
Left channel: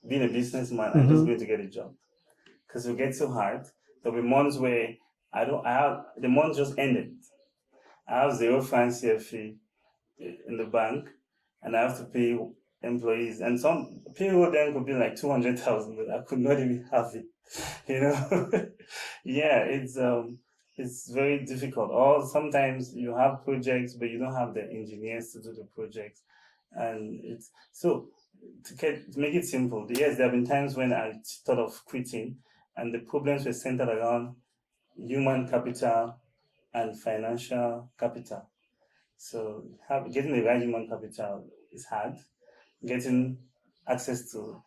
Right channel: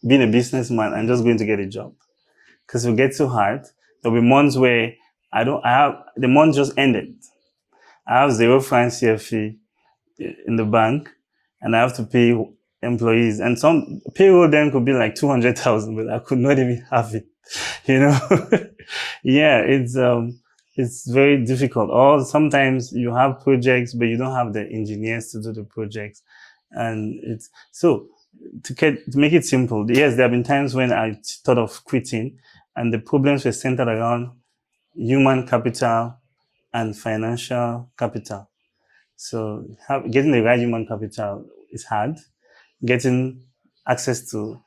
being a businessman and just going to get a job. Because it will get so hard. There'll be months where the month just ended. I have 0 francs CFE in the bank, and I have to pay employees. And some payroll then could be like 200,000, but I could not even have it. Yeah, it's very difficult. Or sometimes you have projects, but you don't have the engineers to do the projects. And it's so to make it simple. Yes, there have been times when I thought of quitting, and the problems were centered around human capital, and financial capital. So getting the right human capital is hard. Getting access to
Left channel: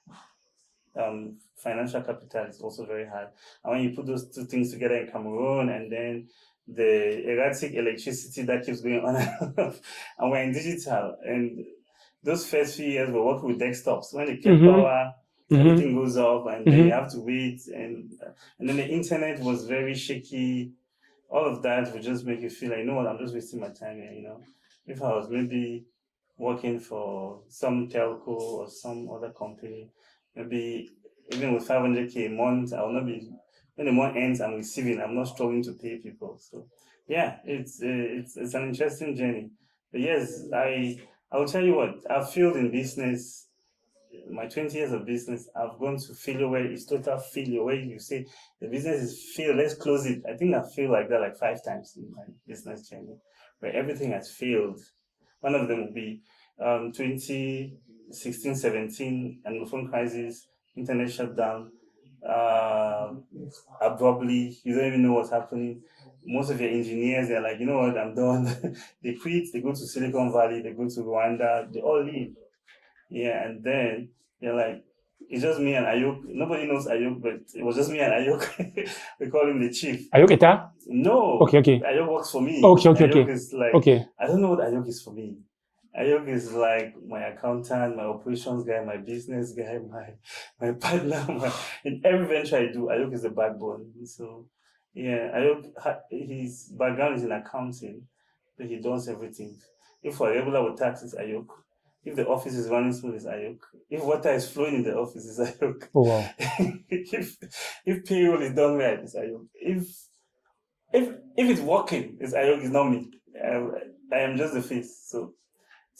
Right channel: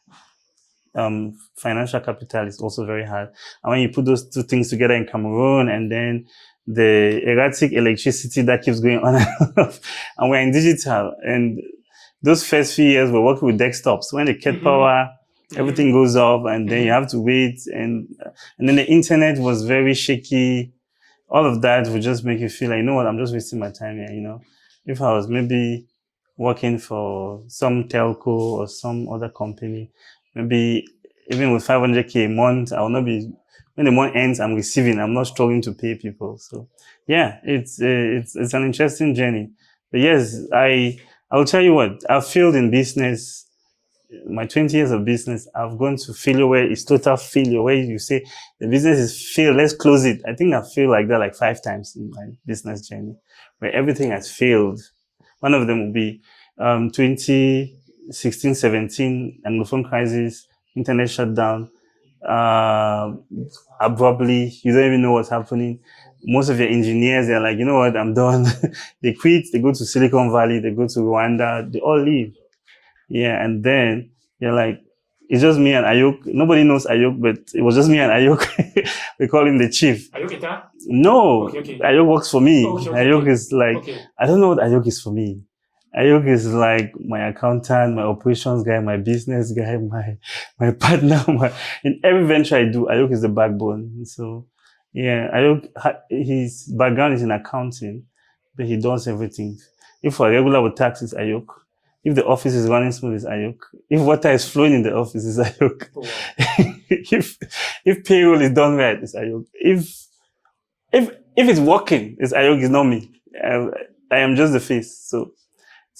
financial capital is also very hard. And when you put those two things together in Cameroon, and then the erratic electricity that keeps going on and off, and we're in digital, and those first few years we're working with desktops. When they cut power, everything goes off, and then you have to wait, and then the internet was very shaky. All of that would just make you feel like, you know what, I'm just wasting my time here, you know. If I was maybe working for some telco or some other company, maybe even with 500K a month, I will not be, when the month ends, I'm receiving, I'm not struggling to pay people. So yeah, it's an interesting journey. But yes, I will tell you what, I've failed in business. My 20 years of business, I've gone to failure where it's total failure, where you say the business is failed, let's close it. I think I've failed like that like 5 times in my business journey, where everything has failed. One of them will be 2016, 17, Anglophone crisis, internet shutdown. Abruptly, you don't even know what's happening. Most of your engineers, they're like, you know what, I'm done. They quit, they go to Silicon Valley, they go to Rwanda, they all leave. Yeah, and then you're like, it's just me and Ayuk. Nobody knows Ayuk, but it was just me and Ayuk. We call him the chief. Ayuk Eta? No. Okay. Ayuk works for me. Ayuk is like, okay. I don't know what Ayuk is for me. Ayuk is like my accountant, my operations guy, my business guy, my partner. In every venture I do, Ayuk is the backbone. So, yeah, Ayuk, his background is in accounting, but he does everything. If we're regular with taxes, Ayuk. If the office is running smooth, it's Ayuk. If water is flowing in the office, it's Ayuk. Oh, wow. if payroll is done right, it's Ayuk. If it's working, it's Ayuk. It's not me. I am just the face. So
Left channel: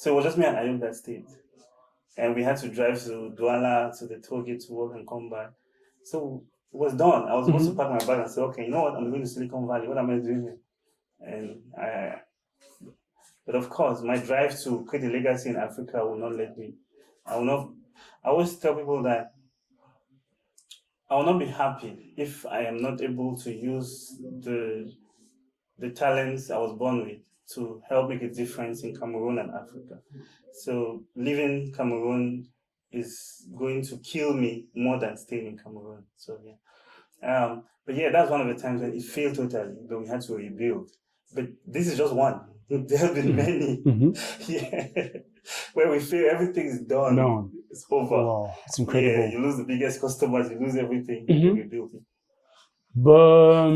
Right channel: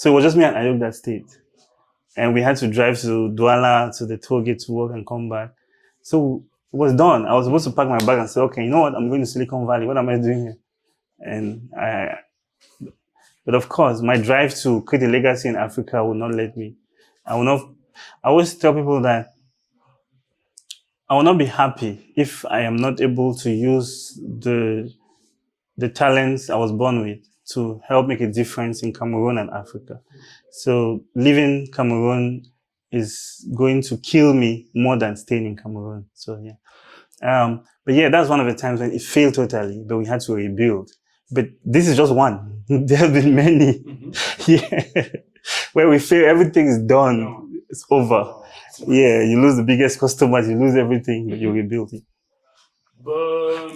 it was just me and Ayuk that stayed, and we had to drive to Douala to the toll gate to work and come back. So it was done. I was supposed to pack my bag and say, okay, you know what? I'm going to Silicon Valley. What am I doing here? And But of course, my drive to create a legacy in Africa will not let me. I always tell people that I will not be happy if I am not able to use the talents I was born with to help make a difference in Cameroon and Africa. So leaving Cameroon is going to kill me more than staying in Cameroon. So yeah. But yeah, that's one of the times when it failed totally, but we had to rebuild. But this is just one. There have been many. Yeah. Where we feel everything is done. No. It's over. Oh, yeah, you lose the biggest customers, you lose everything, you rebuild it. But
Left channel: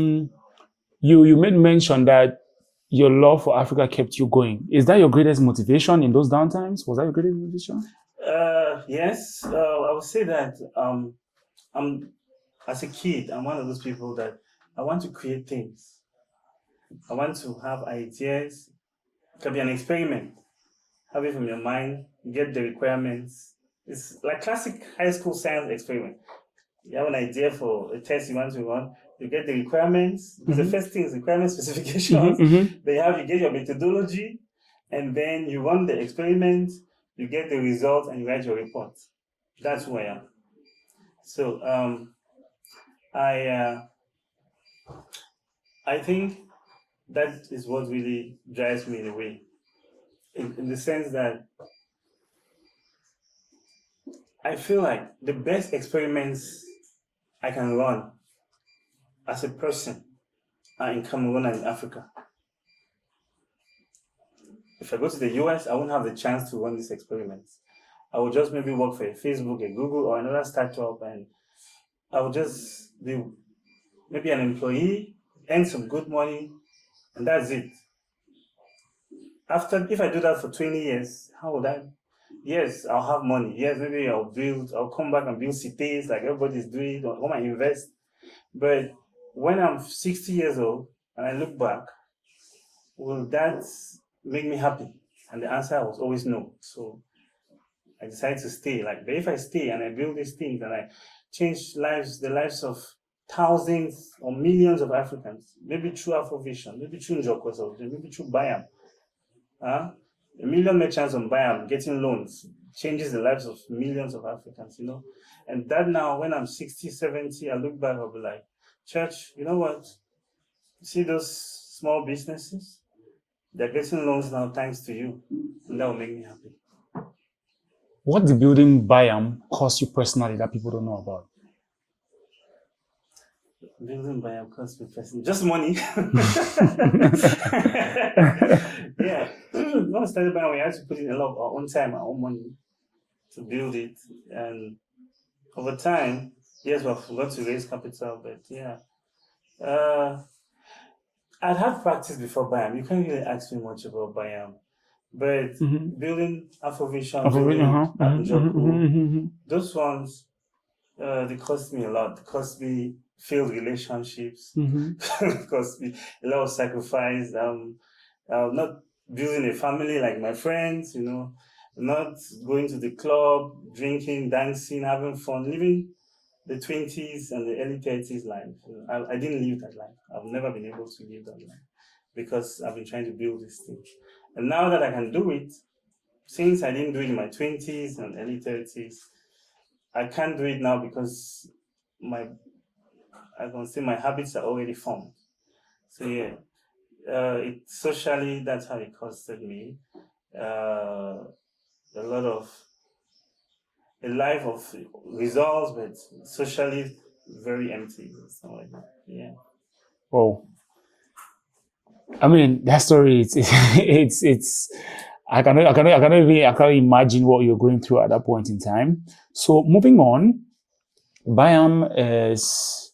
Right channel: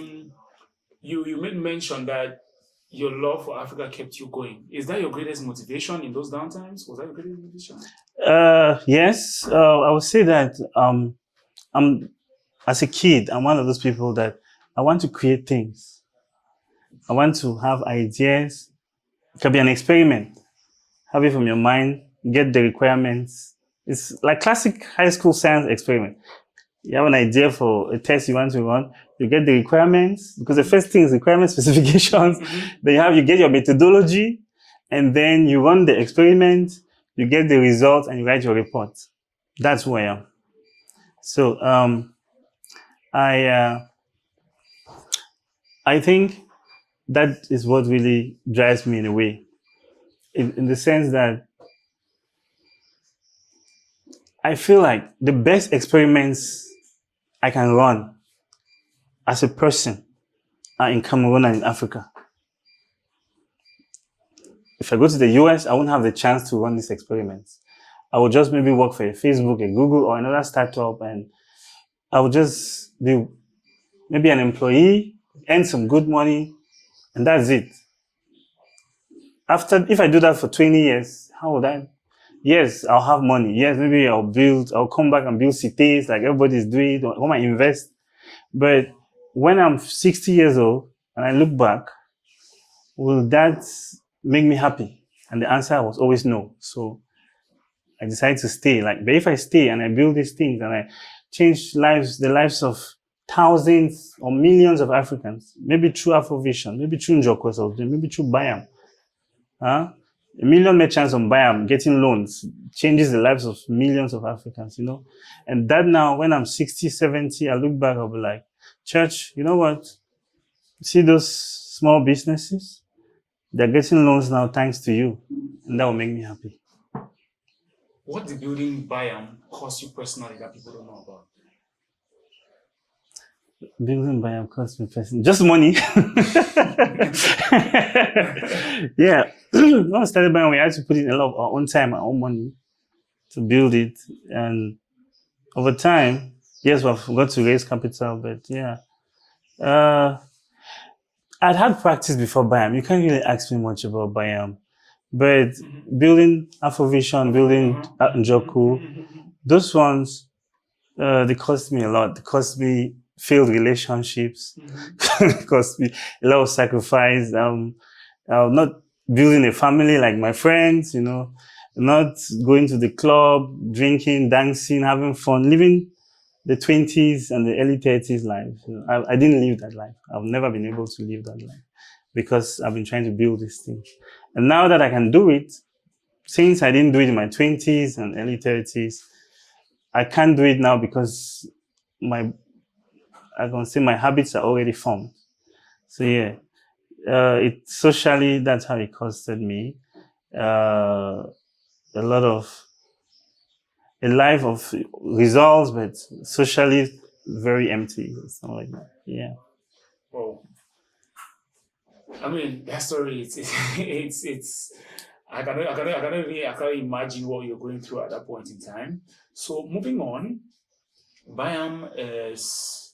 you made mention that your love for Africa kept you going. Is that your greatest motivation in those downtimes? Was that your greatest motivation? Yes. I would say that as a kid, I'm one of those people that I want to create things. I want to have ideas. It can be an experiment. Have it from your mind, get the requirements. It's like classic high school science experiment. You have an idea for a test you want to run, you get the requirements, because the first thing is requirement specifications. Then you get your methodology, and then you run the experiment, you get the results, and you write your report. That's who I am. So I think that is what really drives me in a way, in the sense that I feel like the best experiments I can run as a person are in Cameroon and in Africa. If I go to the US, I won't have the chance to run these experiments. I will just maybe work for a Facebook, a Google, or another startup, and I will just be maybe an employee, earn some good money, and that's it. If I do that for 20 years, how would I? Yes, I'll have money. Yes, maybe I'll come back and build cities like everybody's doing, or I might invest. But when I'm 60 years old and I look back, will that make me happy? And the answer was always no. So I decided to stay. But if I stay and I build these things and I change the lives of thousands or millions of Africans, maybe through Afrovision, maybe through Njoko, maybe through Buyam. A million merchants on Buyam getting loans changes the lives of millions of Africans, And that now, when I'm 60, 70, I look back, I'll be like, Church, you know what? See those small businesses. They're getting loans now thanks to you. And that will make me happy. What did building Buyam cost you personally that people don't know about? Building Buyam cost me personally. Just money. Yeah. When we started Buyam, we had to put in a lot of our own time, our own money to build it. And over time, yes, we've got to raise capital, but yeah. I'd had practice before Buyam. You can't really ask me much about Buyam. But building Afrovision, building Njoku, those ones, they cost me a lot. They cost me failed relationships. It cost me a lot of sacrifice. Not building a family like my friends, not going to the club, drinking, dancing, having fun, living the 20s and the early 30s life. I didn't live that life. I've never been able to live that life because I've been trying to build this thing. And now that I can do it, since I didn't do it in my 20s and early 30s, I can't do it now because my habits are already formed. So yeah, socially, that's how it costed me. A life of results, but socially very empty. Something like that. Yeah. Wow. I mean, that story, it's I cannot imagine what you're going through at that point in time. So moving on, Buyam is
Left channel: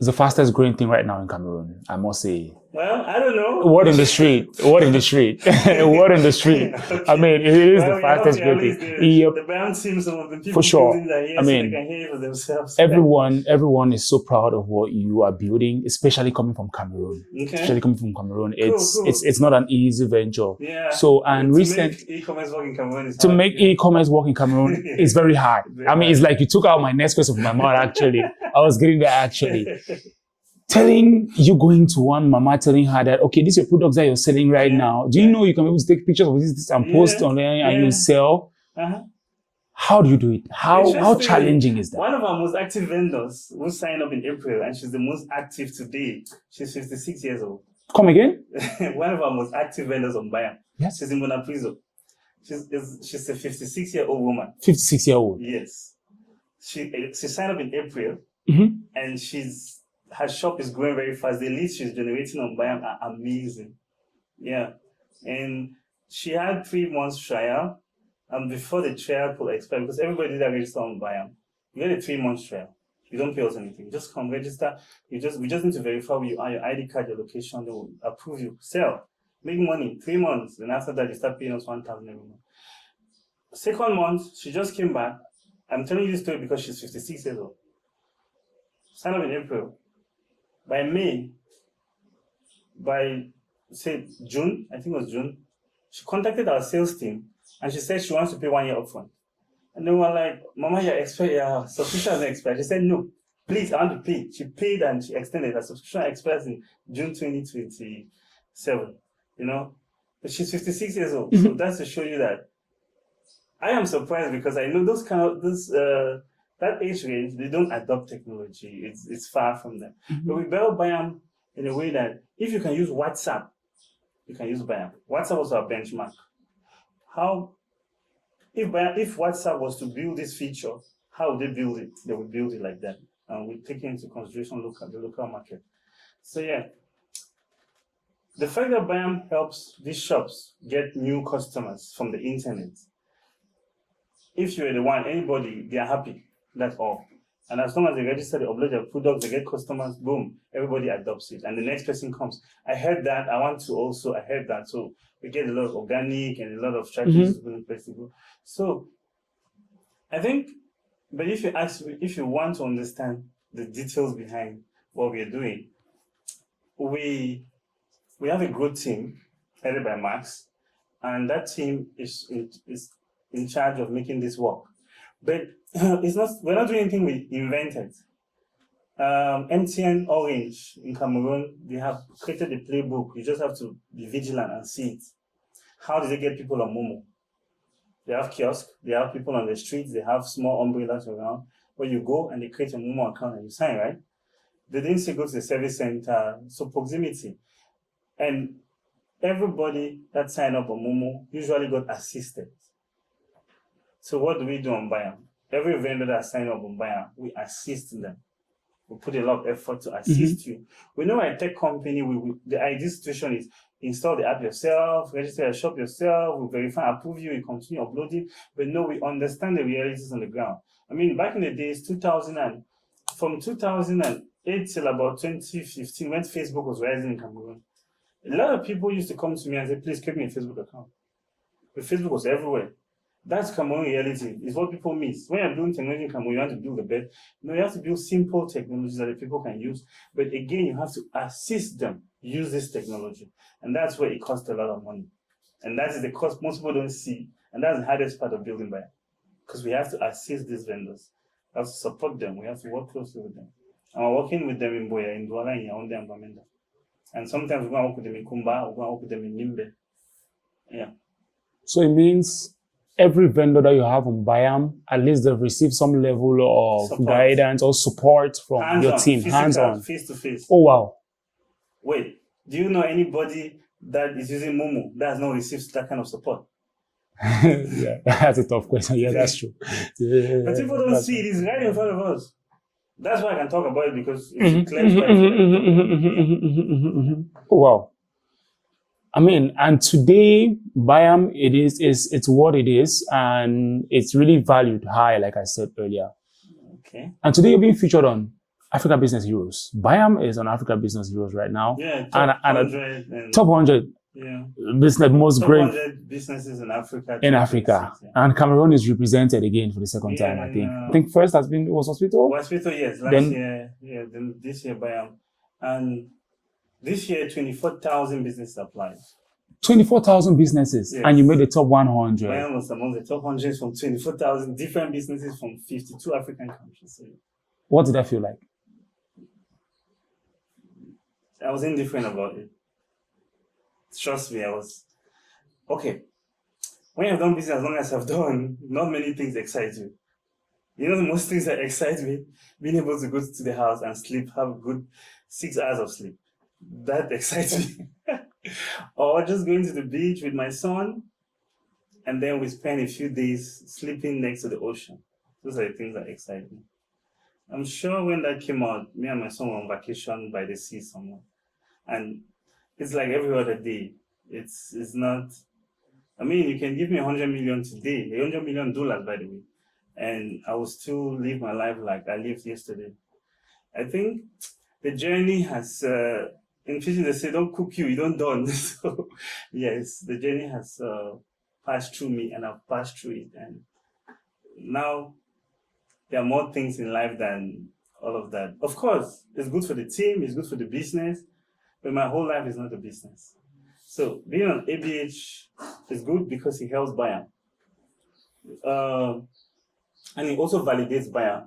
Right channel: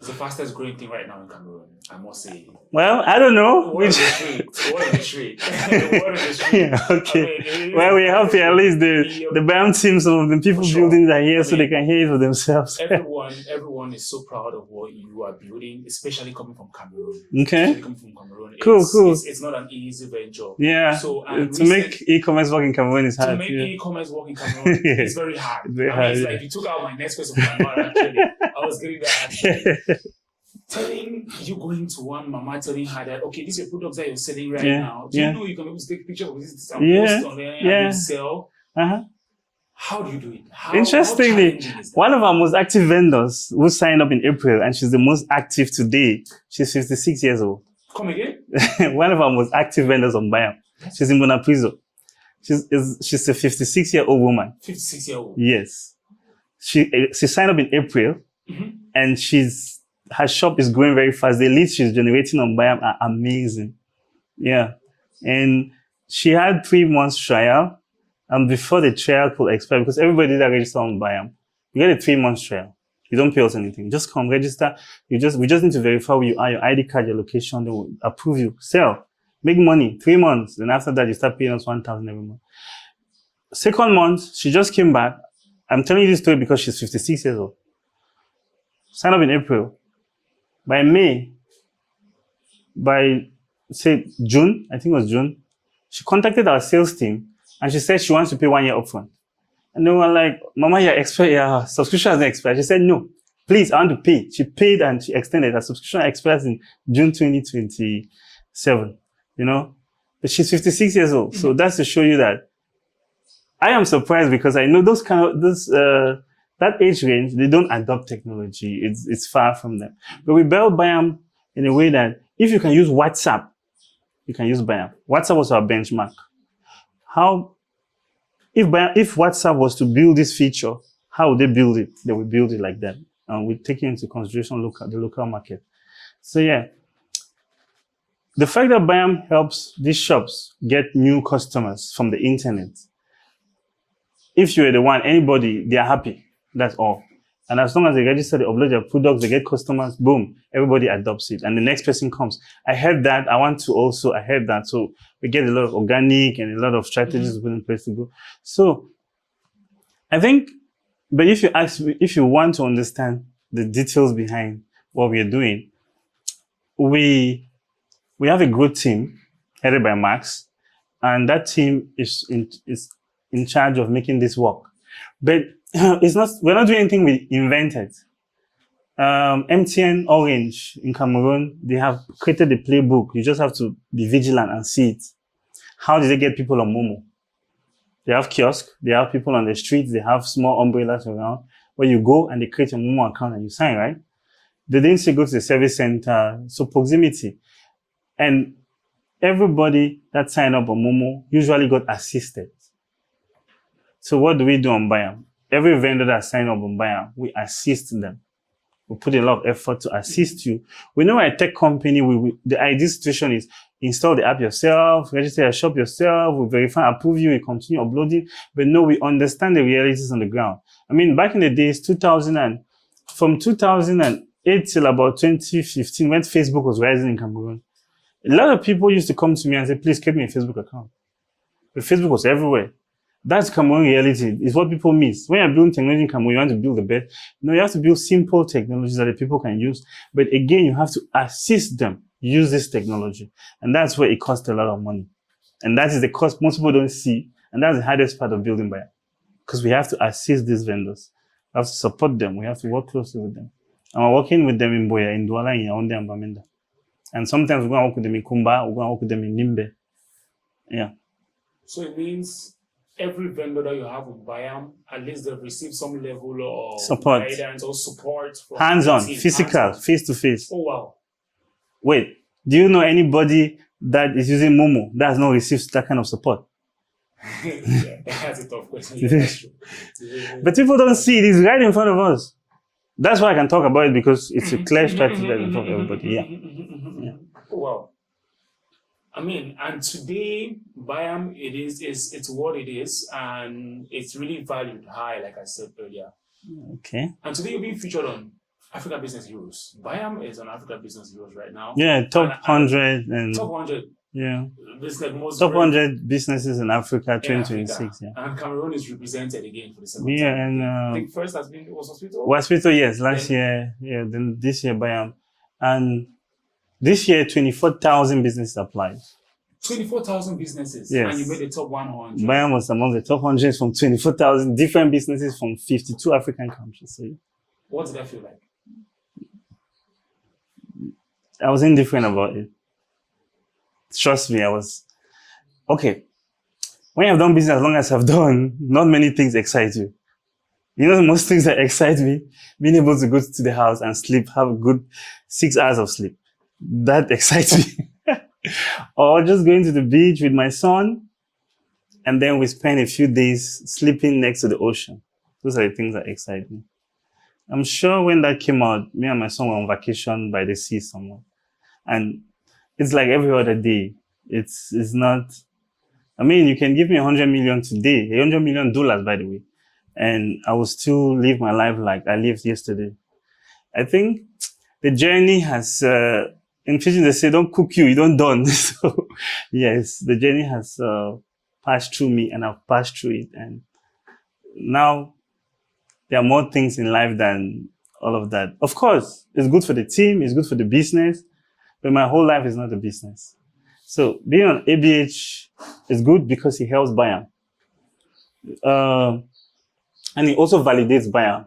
the fastest growing thing right now in Cameroon, I must say. Well, I don't know. What in the street? What in the street? What in the street? Okay. I mean, it is well, the we have to at least the Yep. Buyam team, some of the people For sure. building that here, I so mean, they can hear it for themselves. Everyone is so proud of what you are building, especially coming from Cameroon. Okay. Especially coming from Cameroon. Cool. It's not an easy venture. Yeah. So and to make e-commerce work in Cameroon is hard. To make e-commerce work in Cameroon is very hard. It's like you took out my next question from my mouth, actually. I was getting there, actually. Telling you going to one mama, telling her that, okay, these are products that you're selling right now. Do you know you can be able to take pictures of this and post on there and you sell? How do you do it? How challenging is that? One of our most active vendors who signed up in April, and she's the most active today. She's 56 years old. Come again? One of our most active vendors on Buyam. Yes. She's in Bonapriso. She's a 56-year-old woman. 56-year-old. Yes. She signed up in April, and her shop is growing very fast. The leads she's generating on Buyam are amazing. Yeah. And she had 3 months trial. And before the trial could expire, because everybody that register on Buyam, you get a 3 months trial. You don't pay us anything. Just come register. We just need to verify where you are, your ID card, your location. They will approve you. Sell. Make money. 3 months. Then after that, you start paying us 1,000 every month. Second month, she just came back. I'm telling you this story because she's 56 years old. Signed up in April. By May, say June, I think it was June, she contacted our sales team and she said she wants to pay 1 year upfront. And they were like, Mama, your subscription hasn't expired. She said, no, please, I want to pay. She paid and she extended. Her subscription expires in June 2027, But she's 56 years old. So that's to show you that I am surprised because I know that age range, they don't adopt technology. It's far from them. But we built Buyam in a way that if you can use WhatsApp, you can use Buyam. WhatsApp was our benchmark. If WhatsApp was to build this feature, how would they build it? They would build it like that. And we take into consideration the local market. So yeah, the fact that Buyam helps these shops get new customers from the internet, if you're the one, anybody, they are happy. That's all. And as long as they register, they upload their products, they get customers, boom, everybody adopts it. And the next person comes. I heard that. I heard that. So we get a lot of organic and a lot of strategies put in place to go. So I think, but if you want to understand the details behind what we are doing, we have a growth team headed by Max, and that team is in charge of making this work. But we're not doing anything we invented. MTN Orange in Cameroon, they have created a playbook. You just have to be vigilant and see it. How did they get people on Momo? They have kiosks, they have people on the streets, they have small umbrellas around where you go and they create a Momo account and you sign, right? They didn't say go to the service center. So proximity. And everybody that signed up on Momo usually got assisted. So what do we do on Buyam? Every vendor that signed up on Buyam, we assist them. We put a lot of effort to assist you. We know a tech company, the ideal situation is install the app yourself, register your shop yourself, we verify, approve you, we continue uploading. But no, we understand the realities on the ground. I mean, back in the days, from 2008 till about 2015, when Facebook was rising in Cameroon, a lot of people used to come to me and say, please create me a Facebook account. But Facebook was everywhere. That's Cameroon reality. It's what people miss. When you're building technology in Cameroon, you want to build the best. No, you have to build simple technologies that the people can use. But again, you have to assist them use this technology. And that's where it costs a lot of money. And that is the cost most people don't see. And that's the hardest part of building Buyam. Because we have to assist these vendors. We have to support them. We have to work closely with them. And we're working with them in Boya, in Douala, in Yaoundé, and Bamenda. And sometimes we're going to work with them in Kumba, we're going to work with them in Nimbe. Yeah. So it means every vendor that you have on Buyam, at least they've received some level of support, guidance or support from hands-on, the team. physical, face-to-face. Oh, wow. Wait, do you know anybody that is using Momo that has not received that kind of support? Yeah, that's a tough question. Yeah, that's true. Yeah, but people don't see it. It's right in front of us. That's why I can talk about it, because it's a clear strategy that we talk about. Yeah. Oh, wow. I mean, and today, Buyam, it's what it is, and it's really valued high, like I said earlier. Okay. And today you're being featured on Africa Business Heroes. Buyam is on Africa Business Heroes right now. Yeah, top 100. Top 100. Yeah. Business, most top great 100 businesses in Africa. In Africa. Yeah. And Cameroon is represented again for the second time. I think first was Hospital? Hospital, yes. Last year. Yeah. Then this year, Buyam. And this year, 24,000 businesses applied. 24,000 businesses, yes. And you made the top 100. Buyam was among the top 100 from 24,000 different businesses from 52 African countries. So, what did that feel like? I was indifferent about it. Trust me, I was okay. When you've done business as long as I've done, not many things excite you. You know, most things that excite me, being able to go to the house and sleep, have a good 6 hours of sleep. That excites me. Or just going to the beach with my son, and then we spend a few days sleeping next to the ocean. Those are the things that excite me. I'm sure when that came out, me and my son were on vacation by the sea somewhere. And it's like every other day. It's not, I mean, you can give me $100 million today, $100 million, by the way, and I will still live my life like I lived yesterday. I think the journey has, in Fiji, they say, don't cook you don't done. So, yes, the journey has passed through me, and I've passed through it. And now there are more things in life than all of that. Of course, it's good for the team, it's good for the business, but my whole life is not a business. So being on ABH is good because it helps Buyam. And it also validates Buyam.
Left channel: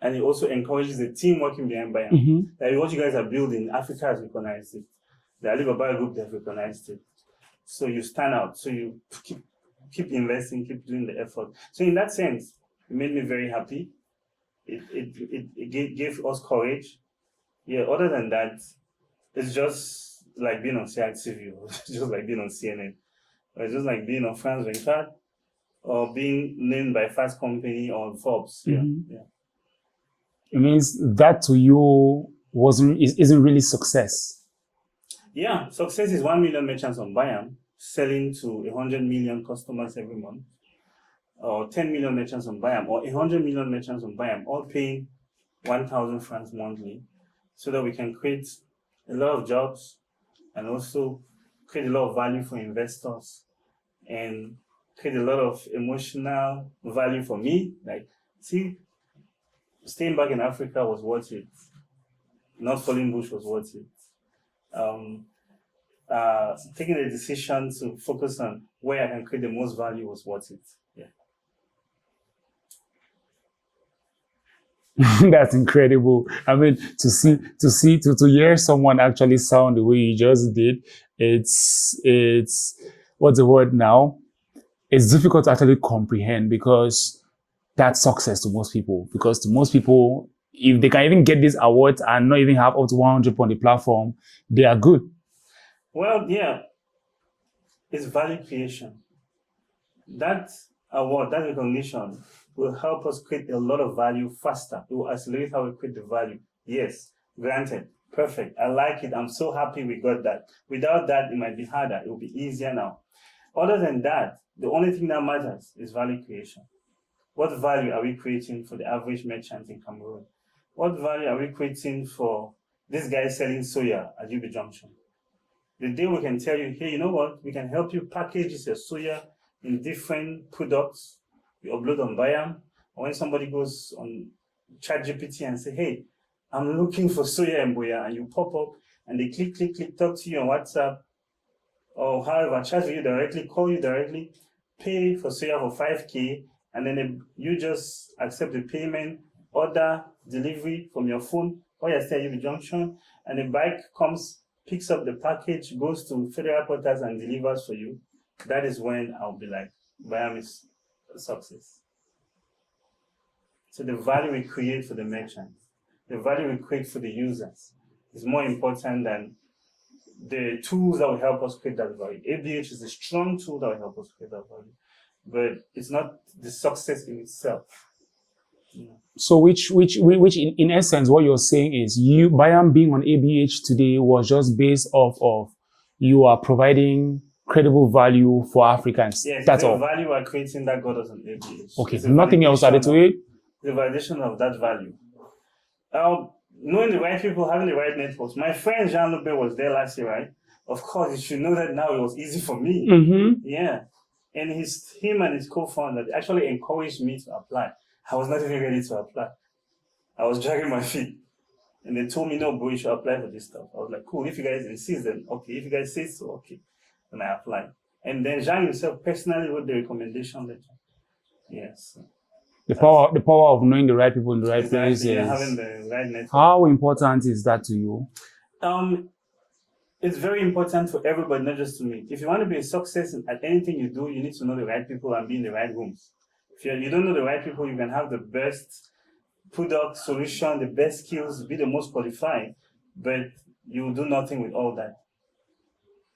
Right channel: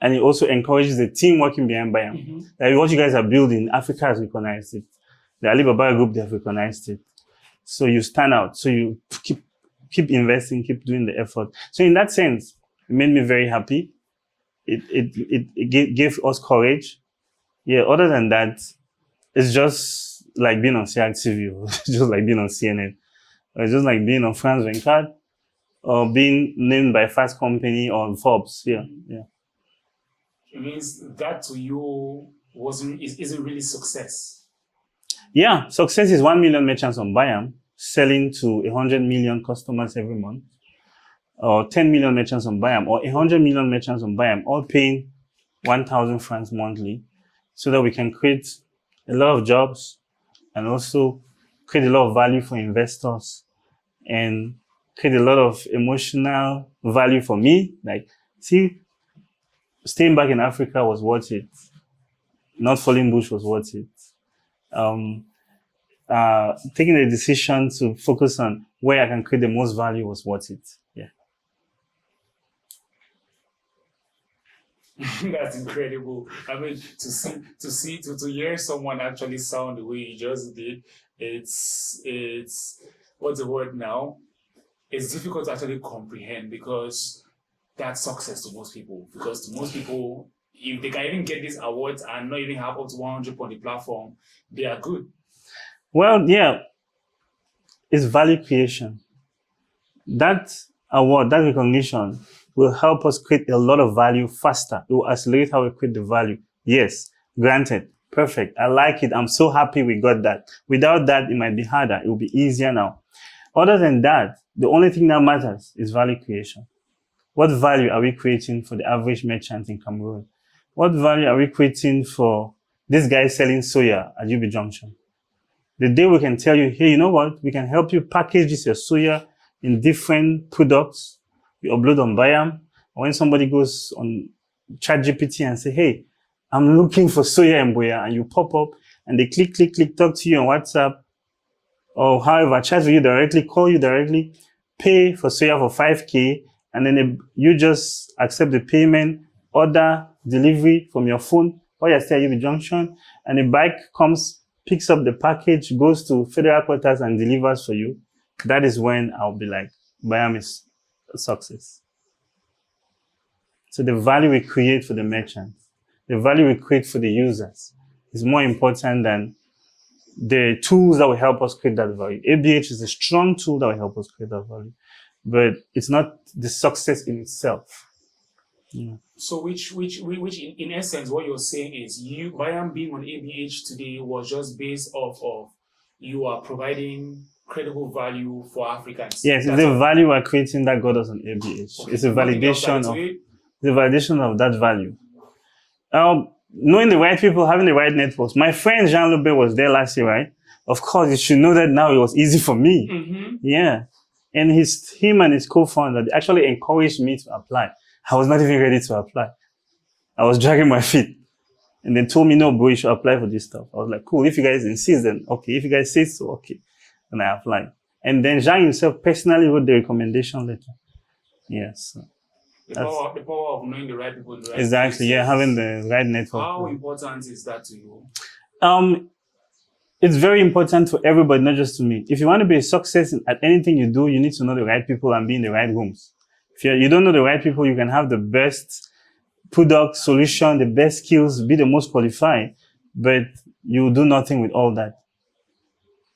And it also encourages the team working behind Buyam. Mm-hmm. Like what you guys are building, Africa has recognized it. The Alibaba group, they have recognized it. So you stand out. So you keep investing, keep doing the effort. So in that sense, it made me very happy. It gave us courage. Yeah, other than that, it's just like being on CRTV, or just like being on CNN, or just like being on France 24, or being named by Fast Company or Forbes. Yeah, mm-hmm. Yeah. It means that to you isn't really success. Yeah, success is 1 million merchants on Buyam selling to 100 million customers every month, or 10 million merchants on Buyam, or 100 million merchants on Buyam, all paying 1,000 francs monthly, so that we can create a lot of jobs and also create a lot of value for investors and create a lot of emotional value for me. Like, see, staying back in Africa was worth it. Not falling bush was worth it. Taking the decision to focus on where I can create the most value was worth it. Yeah. That's incredible. I mean, to hear someone actually sound the way you just did, it's what's the word now? It's difficult to actually comprehend, because that's success to most people. Because to most people, if they can even get these awards and not even have up to 100 on the platform, they are good. Well, yeah, it's value creation. That award, that recognition will help us create a lot of value faster. It will accelerate how we create the value. Yes, granted, perfect. I like it. I'm so happy we got that. Without that, it might be harder. It will be easier now. Other than that, the only thing that matters is value creation. What value are we creating for the average merchant in Cameroon? What value are we creating for this guy selling soya at UB Junction? The day we can tell you, hey, you know what? We can help you package this your soya in different products. We upload on Buyam. When somebody goes on ChatGPT and say, hey, I'm looking for soya and boya, and you pop up and they click, talk to you on WhatsApp, or however, chat with you directly, call you directly, pay for soya for 5K, and then you just accept the payment, order delivery from your phone while you're still at UB Junction, and the bike comes, picks up the package, goes to federal quarters and delivers for you. That is when I'll be like, Buyam is a success. So the value we create for the merchants, the value we create for the users is more important than the tools that will help us create that value. ABH is a strong tool that will help us create that value, but it's not the success in itself. Yeah. So which in essence, what you're saying is Buyam being on ABH today was just based off of you are providing credible value for Africans. Yes, that's the all. Value we're creating that got us on ABH. Okay, It's a nothing else added to it. The validation of that value. Knowing the right people, having the right networks. My friend Jean Loubet was there last year, right? Of course, you should know that now it was easy for me. Mm-hmm. Yeah. And him and his co-founder, they actually encouraged me to apply. I was not even ready to apply. I was dragging my feet. And they told me, no, bro, you should apply for this stuff. I was like, cool. If you guys insist, then okay. If you guys say so, okay. And I applied. And then Jean himself personally wrote the recommendation letter. Yes. The power of knowing the right people in the right exactly, places. yeah, having the right network. How important is that to you? It's very important for everybody, not just to me. If you want to be a success at anything you do, you need to know the right people and be in the right rooms. If you don't know the right people, you can have the best product, solution, the best skills, be the most qualified, but you will do nothing with all that.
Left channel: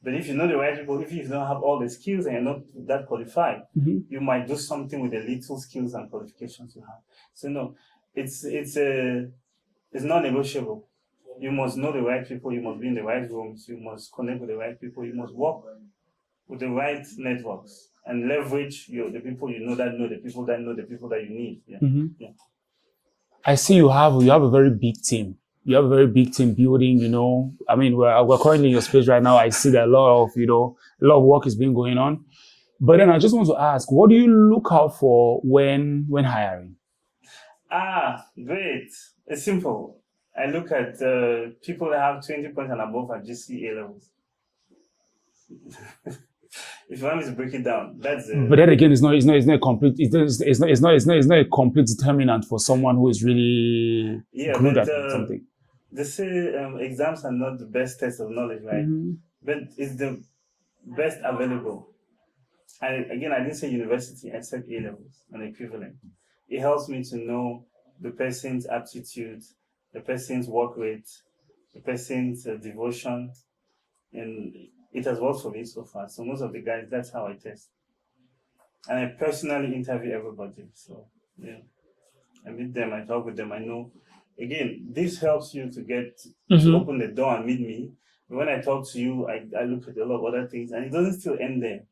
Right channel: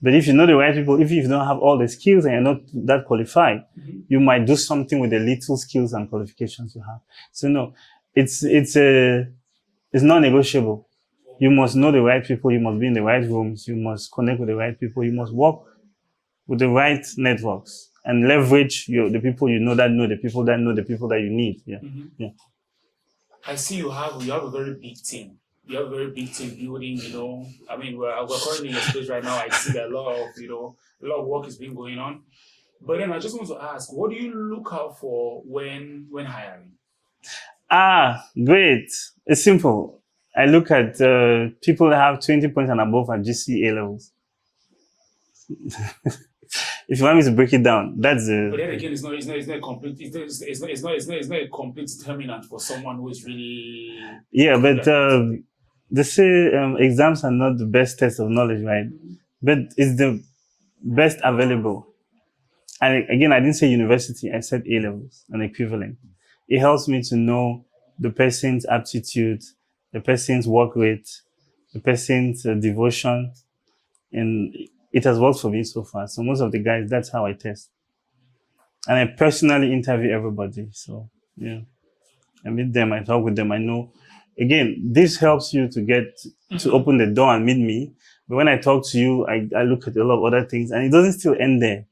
But if you know the right people, if you don't have all the skills and you're not that qualified, Mm-hmm. you might do something with the little skills and qualifications you have. So no, it's non-negotiable. You must know the right people. You must be in the right rooms. You must connect with the right people. You must work with the right networks and leverage the people you know the people that know the people that you need. Yeah. Mm-hmm. Yeah. I see you have a very big team. You have a very big team building, I mean, we're currently in your space right now. I see that a lot of work is being going on. But then I just want to ask, what do you look out for when hiring? Great. It's simple. I look at people that have 20 points and above at GCA levels. If you want me to break it down, that's it. But then again, it's not a complete. It's not a complete determinant for someone who is really. Yeah, but they say exams are not the best test of knowledge, right? Mm-hmm. But it's the best available. And again, I didn't say university. I said A levels, an equivalent. It helps me to know the person's aptitude, the person's work rate, the person's devotion, and it has worked for me so far. So most of the guys, that's how I test. And I personally interview everybody. So yeah, I meet them, I talk with them, I know. Again, this helps you to get to open the door and meet me. But when I talk to you, I look at a lot of other things, and it doesn't still end there.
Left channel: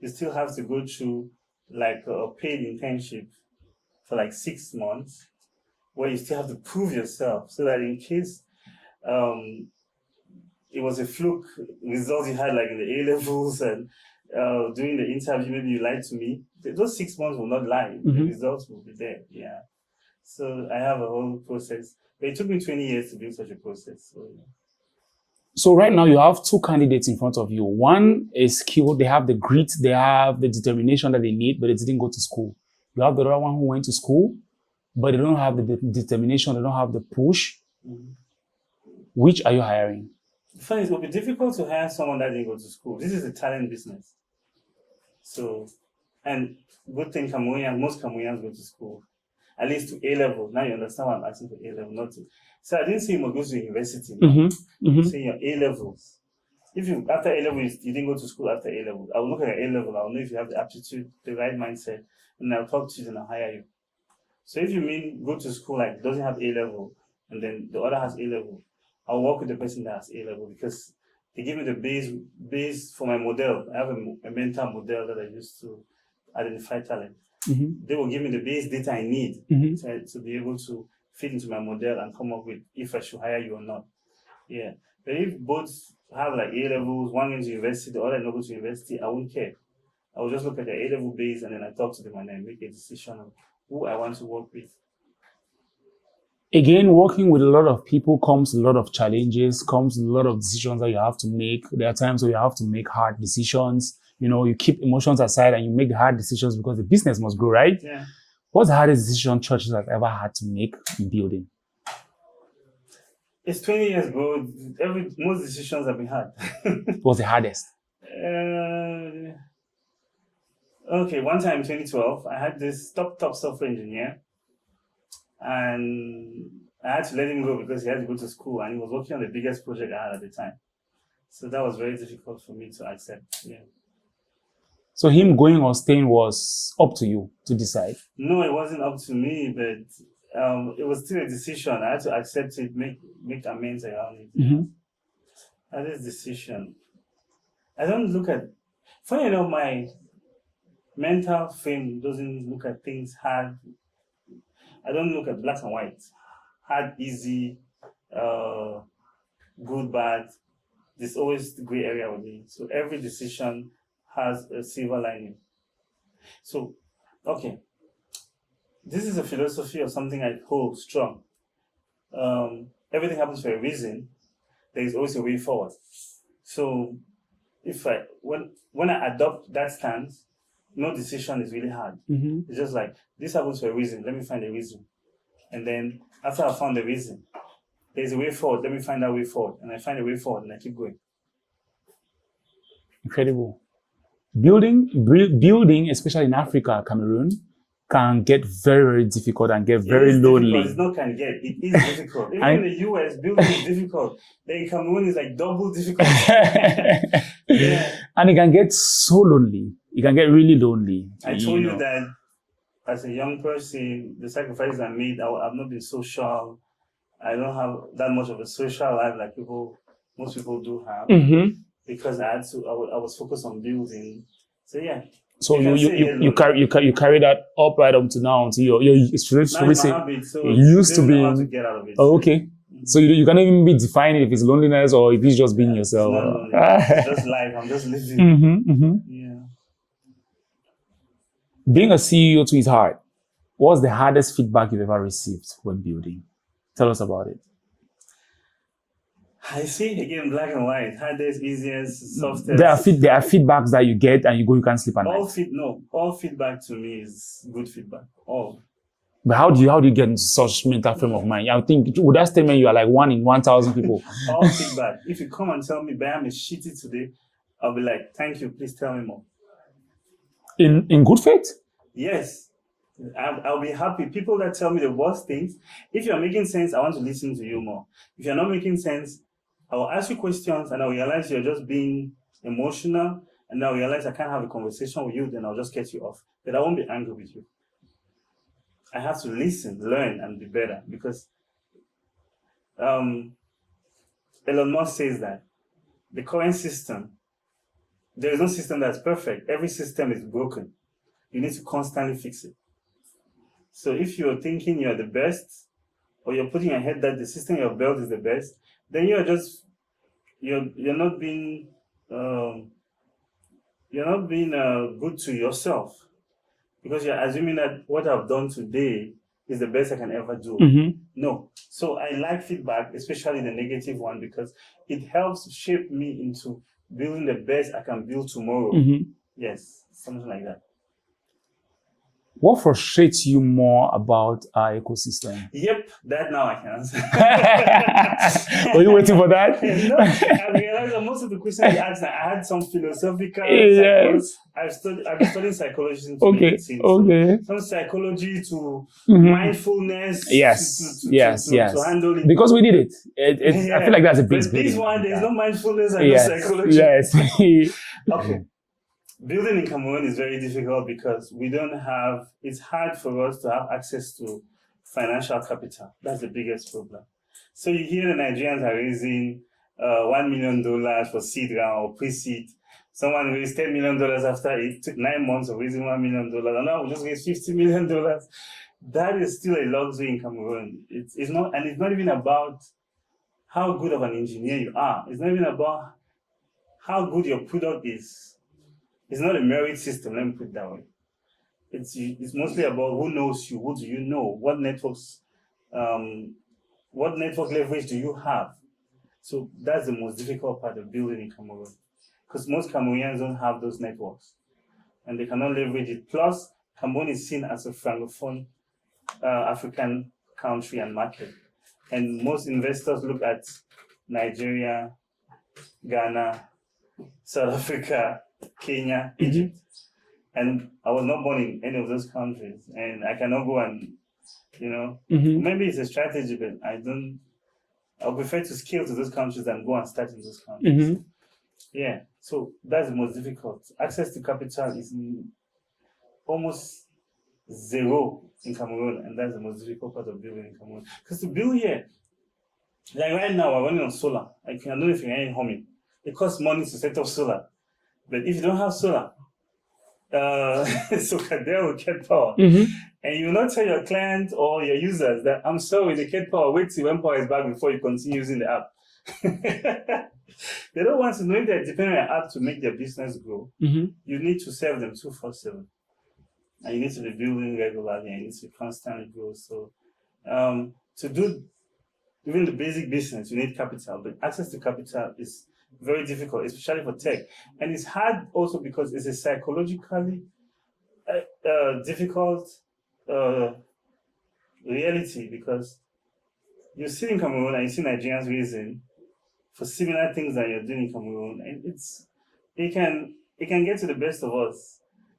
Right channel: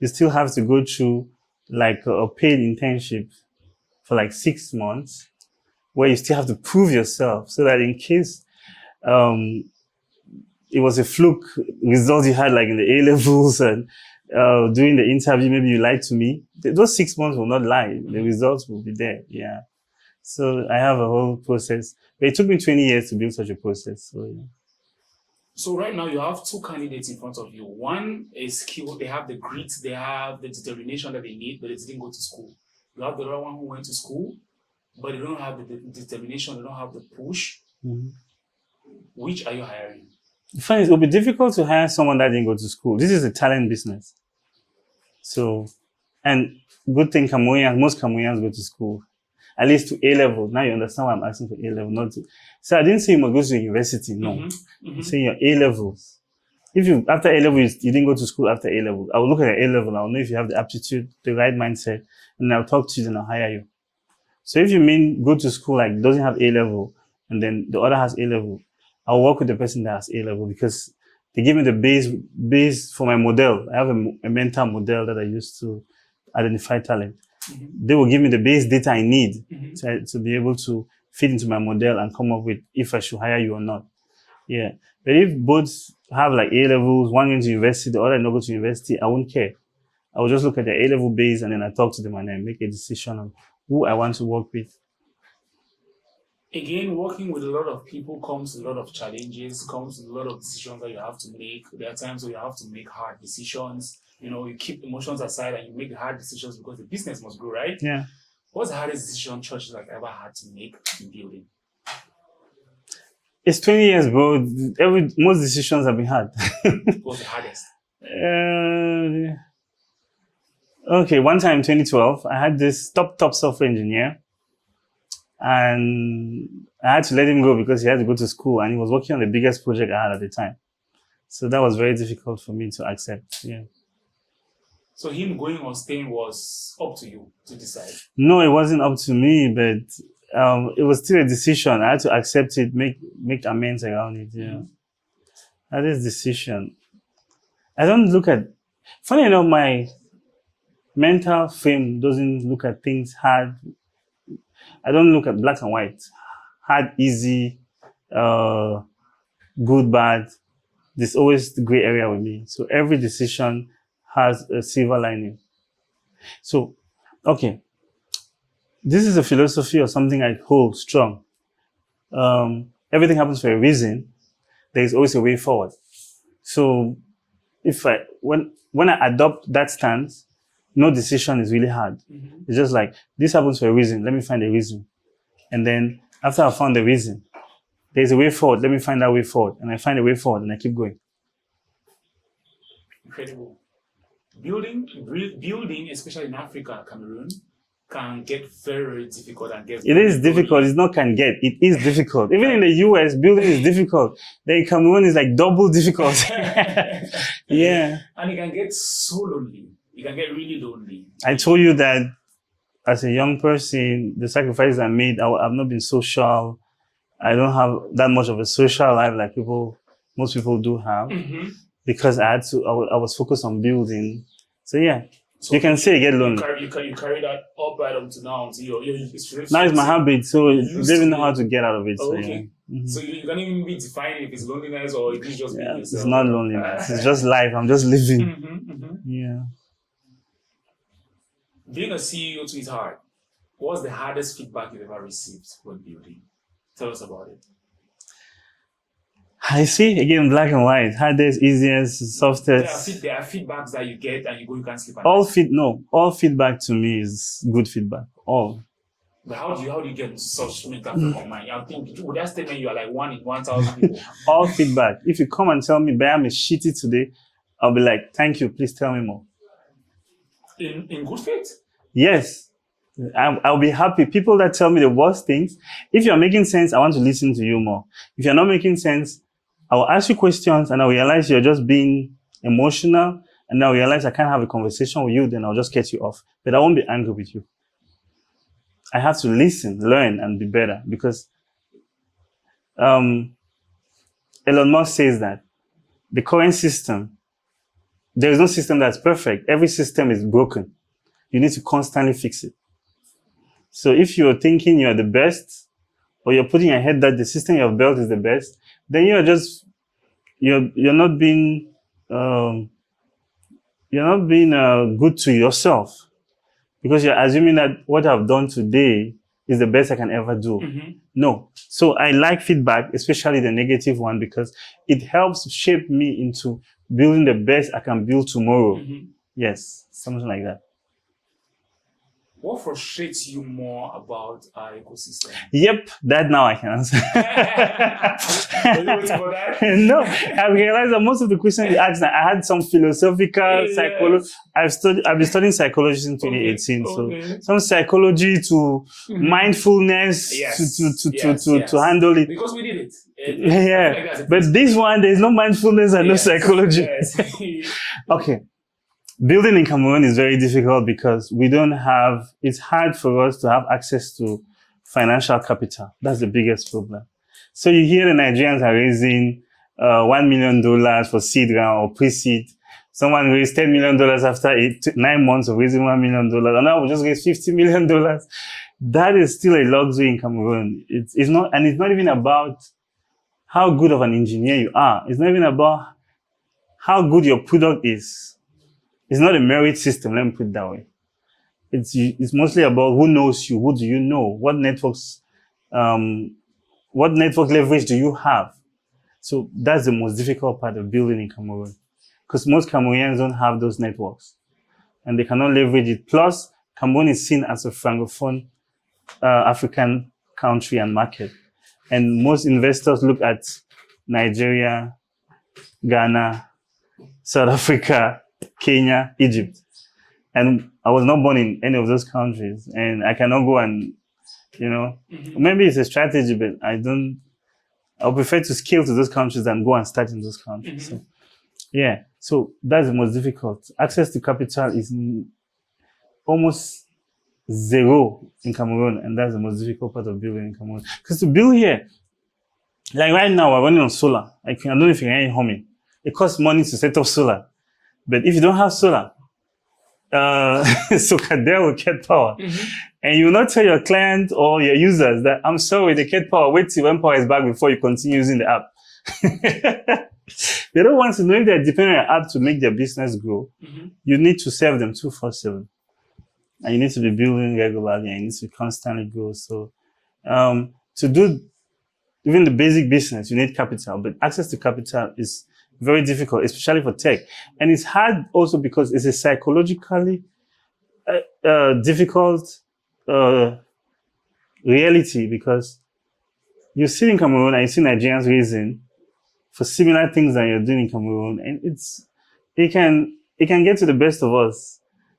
You still have to go through like a paid internship for like 6 months, where you still have to prove yourself, so that in case it was a fluke result you had like in the A levels and during the interview, maybe you lied to me. Those 6 months will not lie. Mm-hmm. The results will be there. Yeah. So I have a whole process. But it took me 20 years to build such a process. So, yeah. So right now you have two candidates in front of you. One is skilled. They have the grit. They have the determination that they need, but they didn't go to school. You have the other one who went to school, but they don't have the determination. They don't have the push. Mm-hmm. Which are you hiring? The thing is, it will be difficult to hire someone that didn't go to school. This is a talent business. So, and good thing most Cameroonians go to school, at least to A level. Now you understand why I'm asking for A level, not to. So I didn't say you must go to university. No, say your A levels. if you, after A level, you didn't go to school after A level, I will look at your A level, I will know if you have the aptitude, the right mindset, and I'll talk to you and I'll hire you. So if you mean go to school like doesn't have A level, and then the other has A level, I'll work with the person that has A level because they give me the base for my model. I have a mental model that I use to identify talent. They will give me the base data I need to be able to fit into my model and come up with if I should hire you or not. Yeah. But if both have like A levels, one going to university, the other not go to university, I won't care. I will just look at the A level base and then I talk to them and then make a decision on who I want to work with. Again, working with a lot of people comes a lot of challenges, comes a lot of decisions that you have to make. There are times where you have to make hard decisions. You know, you keep emotions aside and you make the hard decisions because the business must grow, right? Yeah. What's the hardest decision Churchill has ever had to make in building? It's 20 years, bro. Most decisions have been hard. What's the hardest? Okay, one time in 2012, I had this top software engineer, and I had to let him go because he had to go to school and he was working on the biggest project I had at the time. So that was very difficult for me to accept. Yeah. So him going or staying was up to you to decide? No, it wasn't up to me, but it was still a decision. I had to accept it, make amends around it. Yeah. That is decision. I don't look at, funny enough, my mental frame doesn't look at things hard. I don't look at black and white. Hard, easy, good, bad. There's always the gray area with me. So every decision has a silver lining. So, okay. This is a philosophy or something I hold strong. Everything happens for a reason. There is always a way forward. So when I adopt that stance, no decision is really hard. It's just like, this happens for a reason. Let me find a reason. And then after I found the reason, there's a way forward. Let me find that way forward. And I find a way forward and I keep going. Incredible. Building, especially in Africa, Cameroon, can get very, very difficult and get very It is lonely. difficult. It's not can get. It is difficult. Even in the US, building is difficult. Then in Cameroon is like double difficult. Yeah. And it can get so lonely. It can get really lonely. I told you that as a young person, the sacrifices I made, I've not been social. I don't have that much of a social life like most people do have. Because I was focused on building. So yeah. So you can say get lonely. You carry that up right up to now until it's now it's my habit, so you don't know how to get out of it. Oh, okay. So you can't even be defining if it's loneliness or if it's just being yourself. It's not loneliness. It's just life. I'm just living. Yeah. Being a CEO too is hard. What's the hardest feedback you've ever received when building? Tell us about it. I see, again, black and white. Hardest, easiest, softest. There are feedbacks that you get and you can't sleep at night. All feedback to me is good feedback. All. But how do you get in such mental frame of mind? I think with that statement you are like 1 in 1,000 people. All feedback. If you come and tell me Buyam is shitty today, I'll be like, thank you, please tell me more. In good faith? Yes. I'll be happy. People that tell me the worst things, if you're making sense, I want to listen to you more. If you're not making sense, I will ask you questions and I realize you're just being emotional, and I realize I can't have a conversation with you, then I'll just cut you off. But I won't be angry with you. I have to listen, learn, and be better, because Elon Musk says that the current system, there is no system that's perfect. Every system is broken. You need to constantly fix it. So if you're thinking you're the best, or you're putting your head that the system you have built is the best, then you're not being good to yourself, because you're assuming that what I've done today is the best I can ever do. No. So I like feedback, especially the negative one, because it helps shape me into building the best I can build tomorrow. Yes, something like that. What frustrates you more about our ecosystem? Yep, that now I can answer. Were you waiting for that? No, I've realized that most of the questions you asked, I had some philosophical psychology. I've been studying psychology since 2018. Okay. So some psychology to mindfulness to handle it. Because we did it. I feel like that's a bit. But this one, there's no mindfulness and no psychology. Yes. Okay. Building in Cameroon is very difficult because it's hard for us to have access to financial capital. That's the biggest problem. So you hear the Nigerians are raising $1 million for seed round or pre-seed. Someone raised $10 million after 9 months of raising $1 million. And now we just raised $50 million. That is still a luxury in Cameroon. It's not even about how good of an engineer you are. It's not even about how good your product is. It's not a merit system, let me put it that way. It's mostly about who knows you, who do you know, what network leverage do you have. So that's the most difficult part of building in Cameroon, because most Cameroonians don't have those networks and they cannot leverage it. Plus, Cameroon is seen as a francophone African country and market. And most investors look at Nigeria, Ghana, South Africa, Kenya, Egypt. And I was not born in any of those countries. And I cannot go and, maybe it's a strategy, but I prefer to scale to those countries than go and start in those countries. So that's the most difficult. Access to capital is almost zero in Cameroon, and that's the most difficult part of building in Cameroon. Because to build here, like right now, we're running on solar. I don't know if you can hear it humming. It costs money to set up solar. But if you don't have solar, Socadel will get power. And you will not tell your client or your users that, I'm sorry, they get power. Wait till when power is back before you continue using the app. They don't want to know if they're depending on your app to make their business grow. You need to serve them 24/7. And you need to be building regularly and you need to constantly grow. So to do even the basic business, you need capital. But access to capital is very difficult, especially for tech. And it's hard also because it's a psychologically difficult reality, because you sit in Cameroon and you see Nigerians raising for similar things that you're doing in Cameroon. And it can get to the best of us.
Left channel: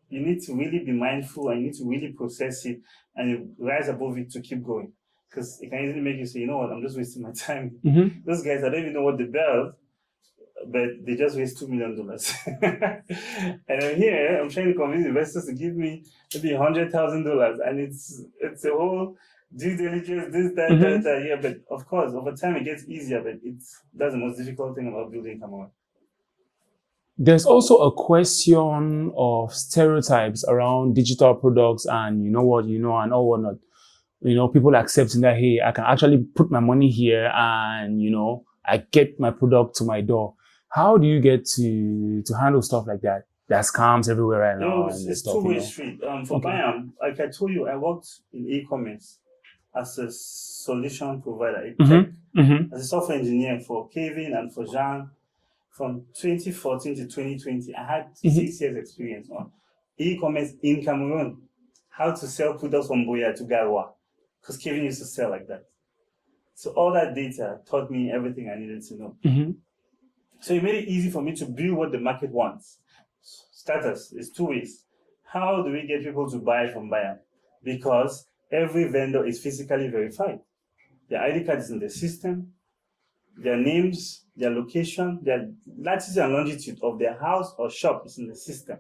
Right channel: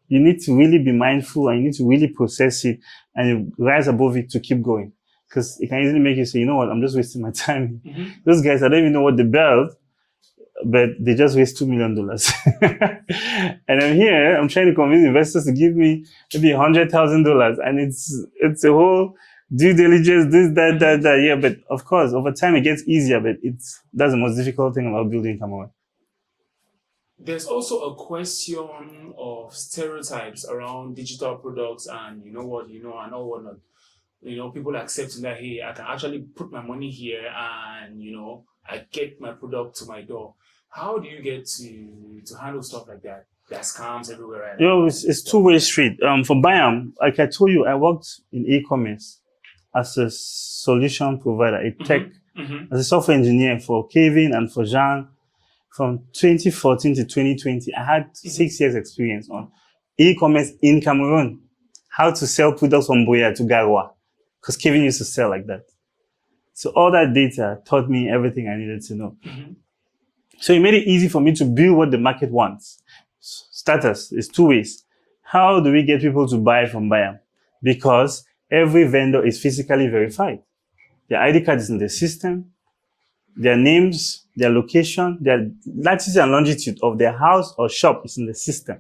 You need to really be mindful and you need to really process it and you rise above it to keep going. Because it can easily make you say, you know what, I'm just wasting my time. Those guys, I don't even know what they built, but they just waste $2 million. And I'm here, I'm trying to convince investors to give me maybe $100,000. And it's a whole due diligence, this, that. Yeah, but of course, over time it gets easier, but that's the most difficult thing about building Cameroon. There's also a question of stereotypes around digital products and and all whatnot. People accepting that, hey, I can actually put my money here and, I get my product to my door. How do you get to handle stuff like that? There's scams everywhere right now. It's two-way street. For Buyam, like I told you, I worked in e-commerce as a solution provider, a tech, as a software engineer for Kevin and for Jean. From 2014 to 2020, I had 6 years experience on e-commerce in Cameroon. How to sell products from Buyam to Garoua, because Kevin used to sell like that. So all that data taught me everything I needed to know. So it made it easy for me to build what the market wants. Status is two ways. How do we get people to buy from Buyam? Because every vendor is physically verified. Their ID card is in the system. Their names, their location, their latitude and longitude of their house or shop is in the system.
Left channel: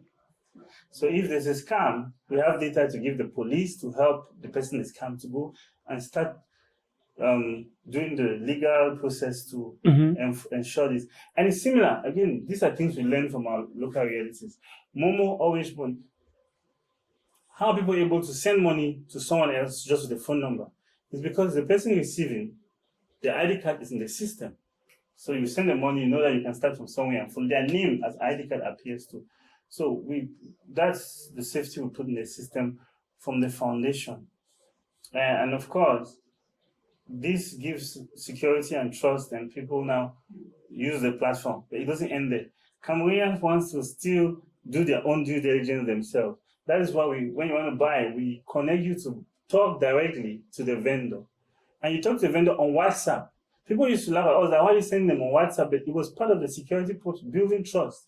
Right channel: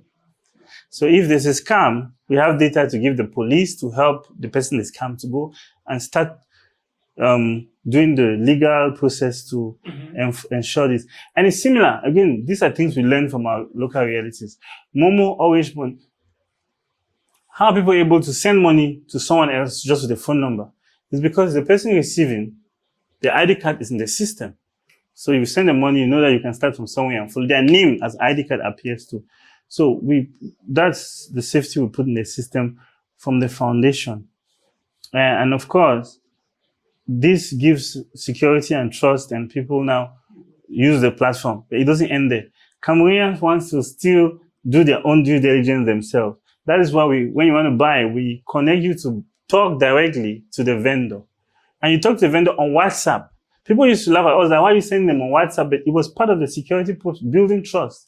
So if there's a scam, we have data to give the police to help the person they scam to go and start doing the legal process to ensure this. And it's similar. Again, these are things we learn from our local realities. Momo always want. How are people able to send money to someone else just with a phone number? It's because the person receiving, the ID card is in the system. So you send the money, you know that you can start from somewhere and follow their name as ID card appears to. So that's the safety we put in the system from the foundation. And of course, this gives security and trust, and people now use the platform. But it doesn't end there. Cameroonians want to still do their own due diligence themselves. That is why when you want to buy, we connect you to talk directly to the vendor. And you talk to the vendor on WhatsApp. People used to laugh at us, like, why are you sending them on WhatsApp? But it was part of the security building trust.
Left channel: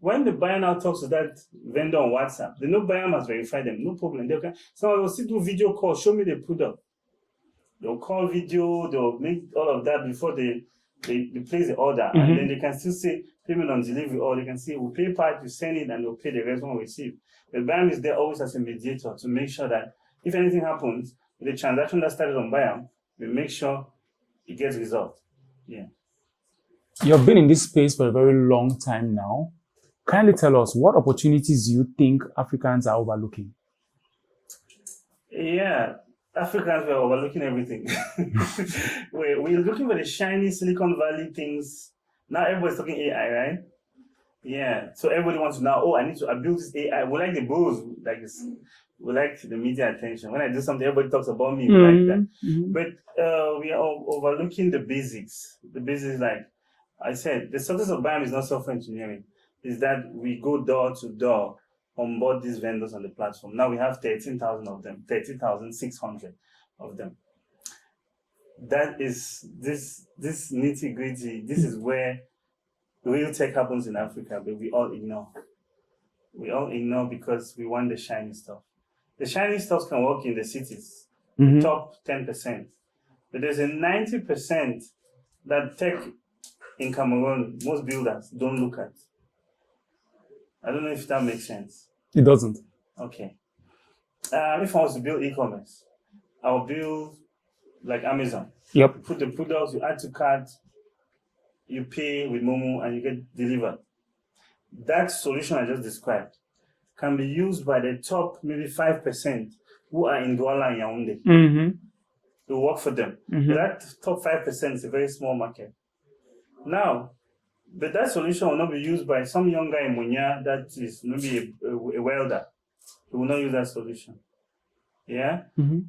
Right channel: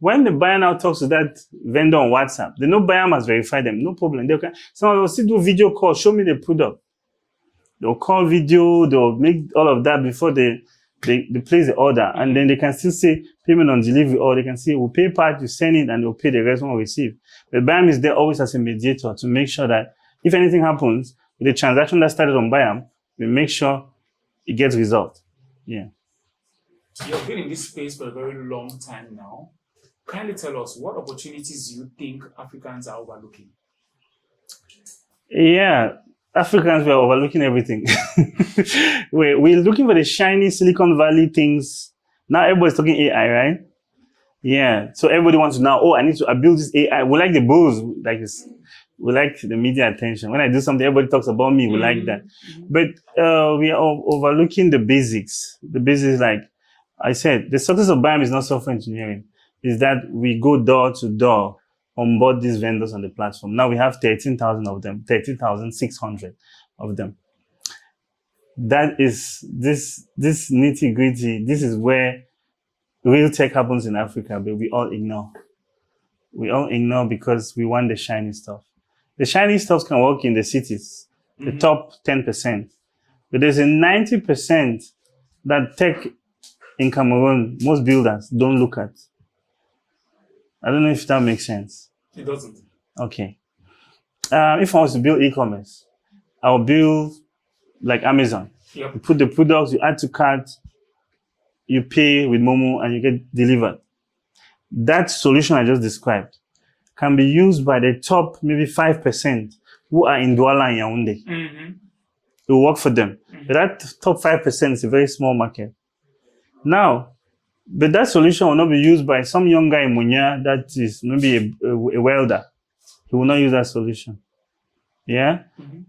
When the buyer now talks to that vendor on WhatsApp, they know Buyam has verified them, no problem. Someone will still do video call, show me the product. They'll call video, they'll make all of that before they place the order. And then they can still say payment on delivery, or they can say, we'll pay part, you send it, and they'll pay the rest when we receive. But Buyam is there always as a mediator to make sure that if anything happens with the transaction that started on Buyam, we make sure it gets resolved. Yeah. You've been in this space for a very long time now. Kindly tell us, what opportunities do you think Africans are overlooking? Yeah, Africans were overlooking everything. we're looking for the shiny Silicon Valley things. Now everybody's talking AI, right? Yeah. So everybody wants to know, I build this AI. We like the buzz, like this. We like the media attention. When I do something, everybody talks about me. We like that. But we are overlooking the basics. The basics, like I said, the success of Buyam is not software engineering. Is that we go door to door, onboard these vendors on the platform. Now we have 13,000 of them, 13,600 of them. That is this nitty gritty. This is where real tech happens in Africa, but we all ignore. We all ignore because we want the shiny stuff. The shiny stuff can work in the cities, the top 10%. But there's a 90% that tech in Cameroon, most builders don't look at. I don't know if that makes sense. It doesn't. Okay. If I was to build e-commerce, I will build like Amazon. Yep. You put the products, you add to cart, you pay with Momo, and you get delivered. That solution I just described can be used by the top maybe 5% who are in Douala and Yaoundé. It will work for them. But that top 5% is a very small market. Now, but that solution will not be used by some young guy in Munya that is maybe a welder. He will not use that solution. Yeah?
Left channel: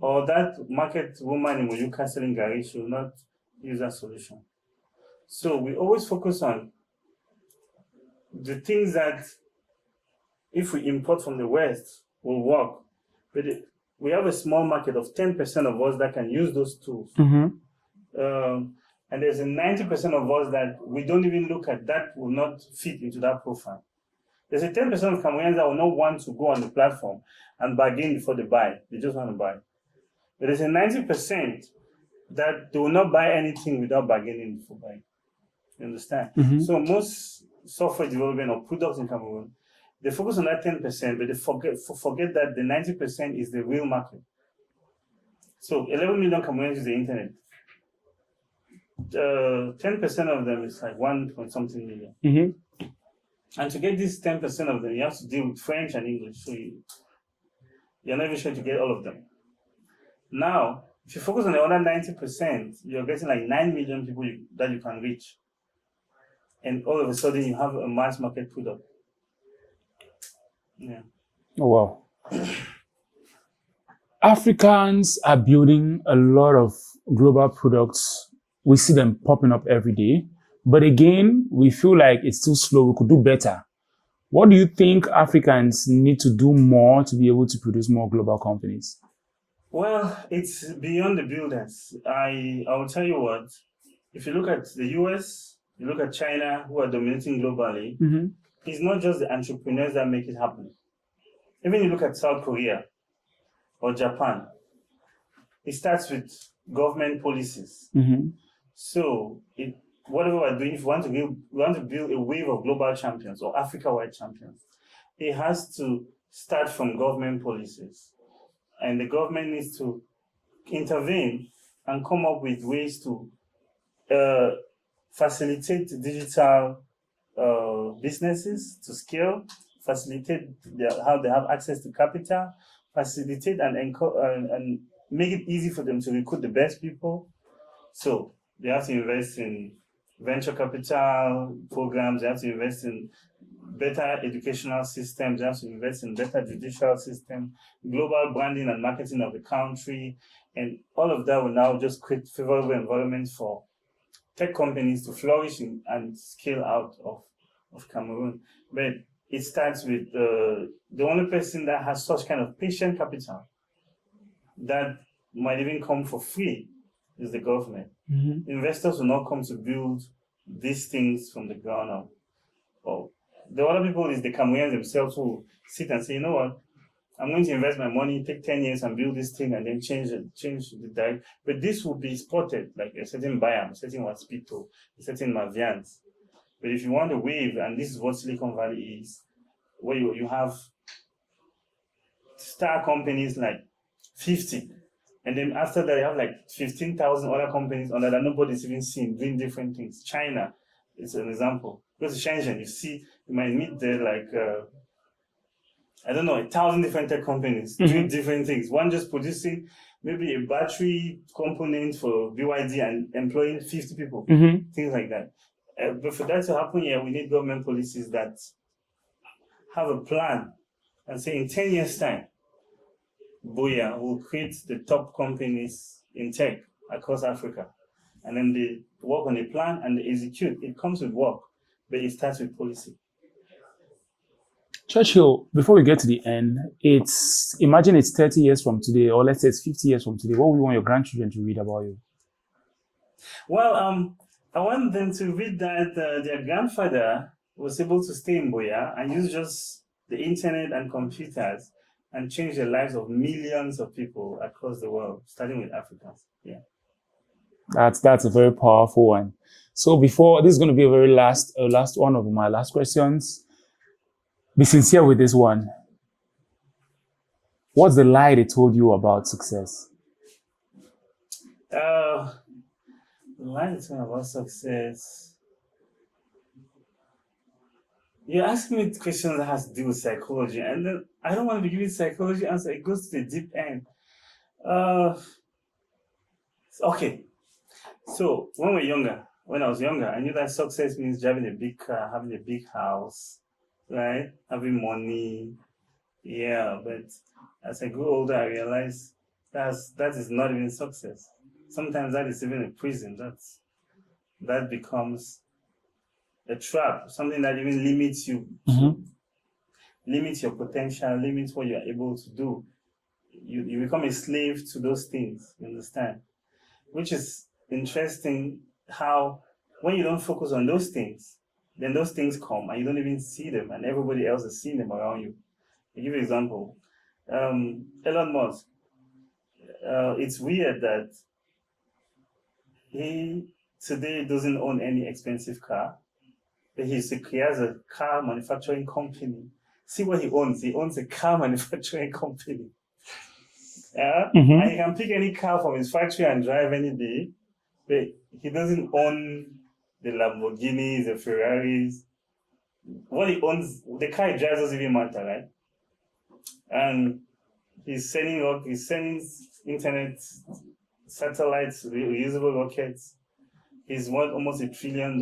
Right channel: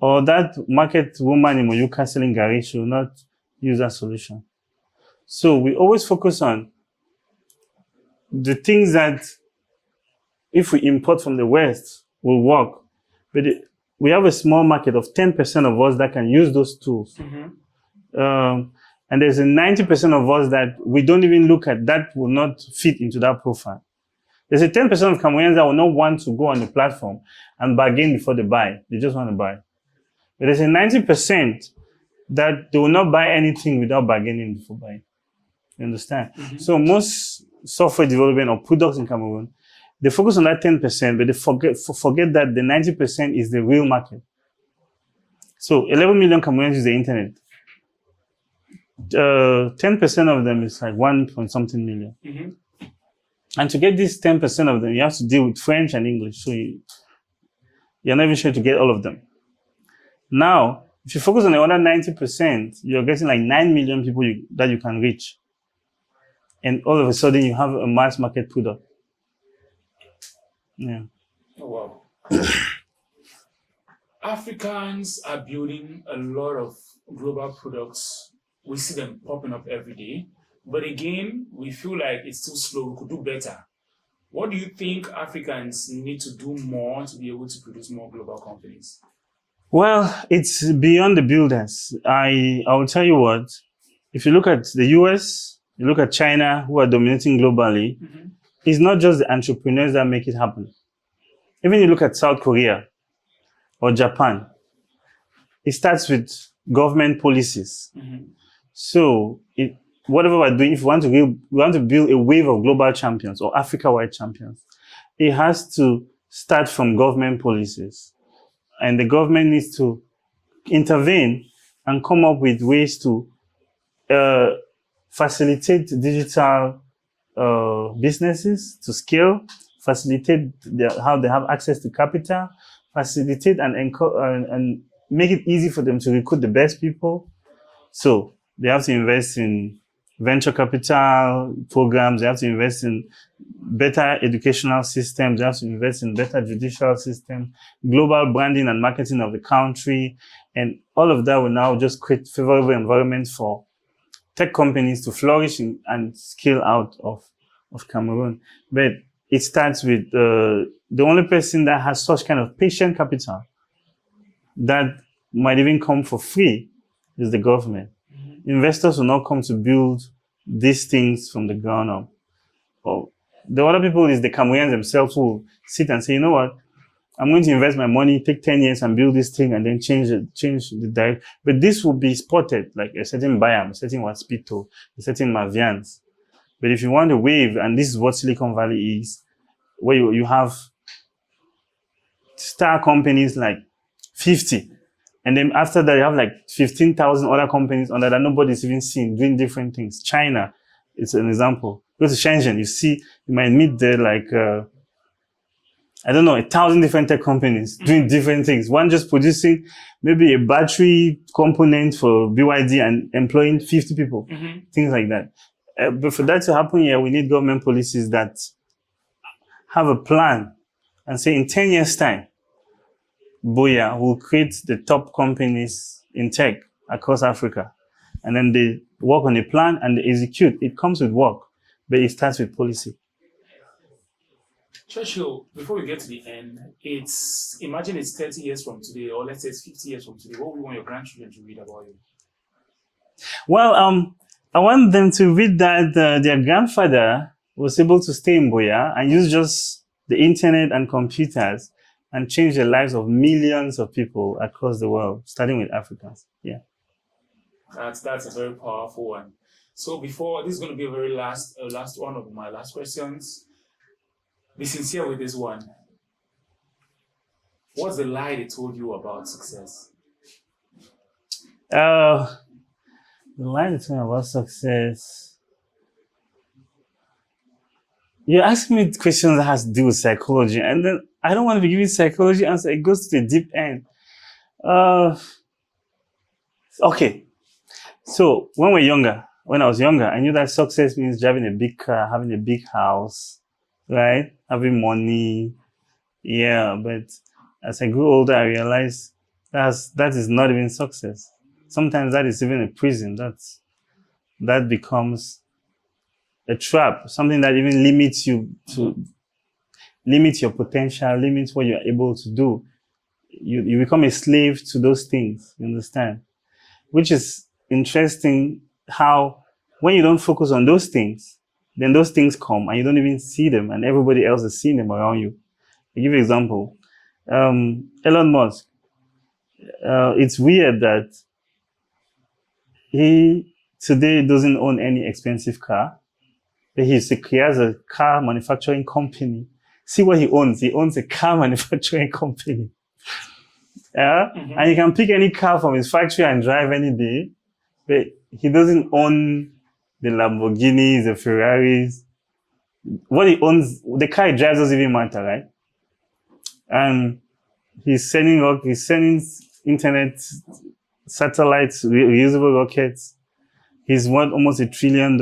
Or that market woman in Moyuka selling garage, she will not use that solution. So we always focus on the things that if we import from the West will work. But we have a small market of 10% of us that can use those tools. And there's a 90% of us that we don't even look at, that will not fit into that profile. There's a 10% of Cameroonians that will not want to go on the platform and bargain before they buy. They just want to buy. But there's a 90% that they will not buy anything without bargaining before buying. You understand? So most software development or products in Cameroon, they focus on that 10%, but they forget that the 90% is the real market. So 11 million Cameroonians use the internet. 10% of them is like 1 point something million. And to get this 10% of them, you have to deal with French and English. So you're not even sure to get all of them. Now, if you focus on the other 90%, you're getting like 9 million people that you can reach. And all of a sudden, you have a mass market product. Yeah. Oh, wow. Africans are building a lot of global products. We see them popping up every day. But again, we feel like it's too slow. We could do better. What do you think Africans need to do more to be able to produce more global companies? Well, it's beyond the builders. I will tell you what, if you look at the US, you look at China, who are dominating globally, it's not just the entrepreneurs that make it happen. Even you look at South Korea or Japan, it starts with government policies. So whatever we're doing, if we want to build a wave of global champions or Africa-wide champions, it has to start from government policies. And the government needs to intervene and come up with ways to facilitate digital businesses to scale, facilitate how they have access to capital, facilitate and make it easy for them to recruit the best people. So they have to invest in venture capital programs, they have to invest in better educational systems, they have to invest in better judicial systems, global branding and marketing of the country. And all of that will now just create favorable environment for tech companies to flourish and scale out of Cameroon. But it starts with the only person that has such kind of patient capital that might even come for free is the government. Investors will not come to build these things from the ground up. Or the other people is the Cameroonians themselves who sit and say, you know what, I'm going to invest my money, take 10 years and build this thing and then change the direct. But this will be spotted like a certain Buyam, a certain Waspito, a certain Mavians. But if you want a wave, and this is what Silicon Valley is, where you have star companies like 50, and then after that you have like 15,000 other companies under that nobody's even seen doing different things. China, it's an example. Go to Shenzhen, you might meet there like, 1,000 different tech companies doing different things. One just producing maybe a battery component for BYD and employing 50 people, things like that. But for that to happen here, we need government policies that have a plan and say in 10 years' time, Buyam will create the top companies in tech across Africa. And then they work on a plan and they execute. It comes with work, but it starts with policy. Churchill, before we get to the end, imagine it's 30 years from today, or let's say it's 50 years from today. What would you want your grandchildren to read about you? Well, I want them to read that their grandfather was able to stay in Buyam and use just the internet and computers and change the lives of millions of people across the world, starting with Africans. Yeah. That's a very powerful one. So this is going to be a very last one of my last questions. Be sincere with this one. What's the lie they told you about success? The lie they told me about success. You ask me questions that has to do with psychology, and then I don't want to be giving psychology answer. It goes to the deep end. Okay. So when I was younger, I knew that success means driving a big car, having a big house, right? Having money. Yeah, but as I grew older, I realized that is not even success. Sometimes that is even a prison. That becomes a trap, something that even limits you to limit your potential, limits what you're able to do. You become a slave to those things, you understand? Which is interesting how when you don't focus on those things, then those things come and you don't even see them and everybody else is seeing them around you. I'll give you an example. Elon Musk. It's weird that he today doesn't own any expensive car. But he has a car manufacturing company. See what he owns. He owns a car manufacturing company. And you can pick any car from his factory and drive any day. But he doesn't own the Lamborghinis, the Ferraris. What he owns, the car he drives doesn't even matter, right? And he's sending internet, satellites, reusable rockets. He's worth almost $1 trillion.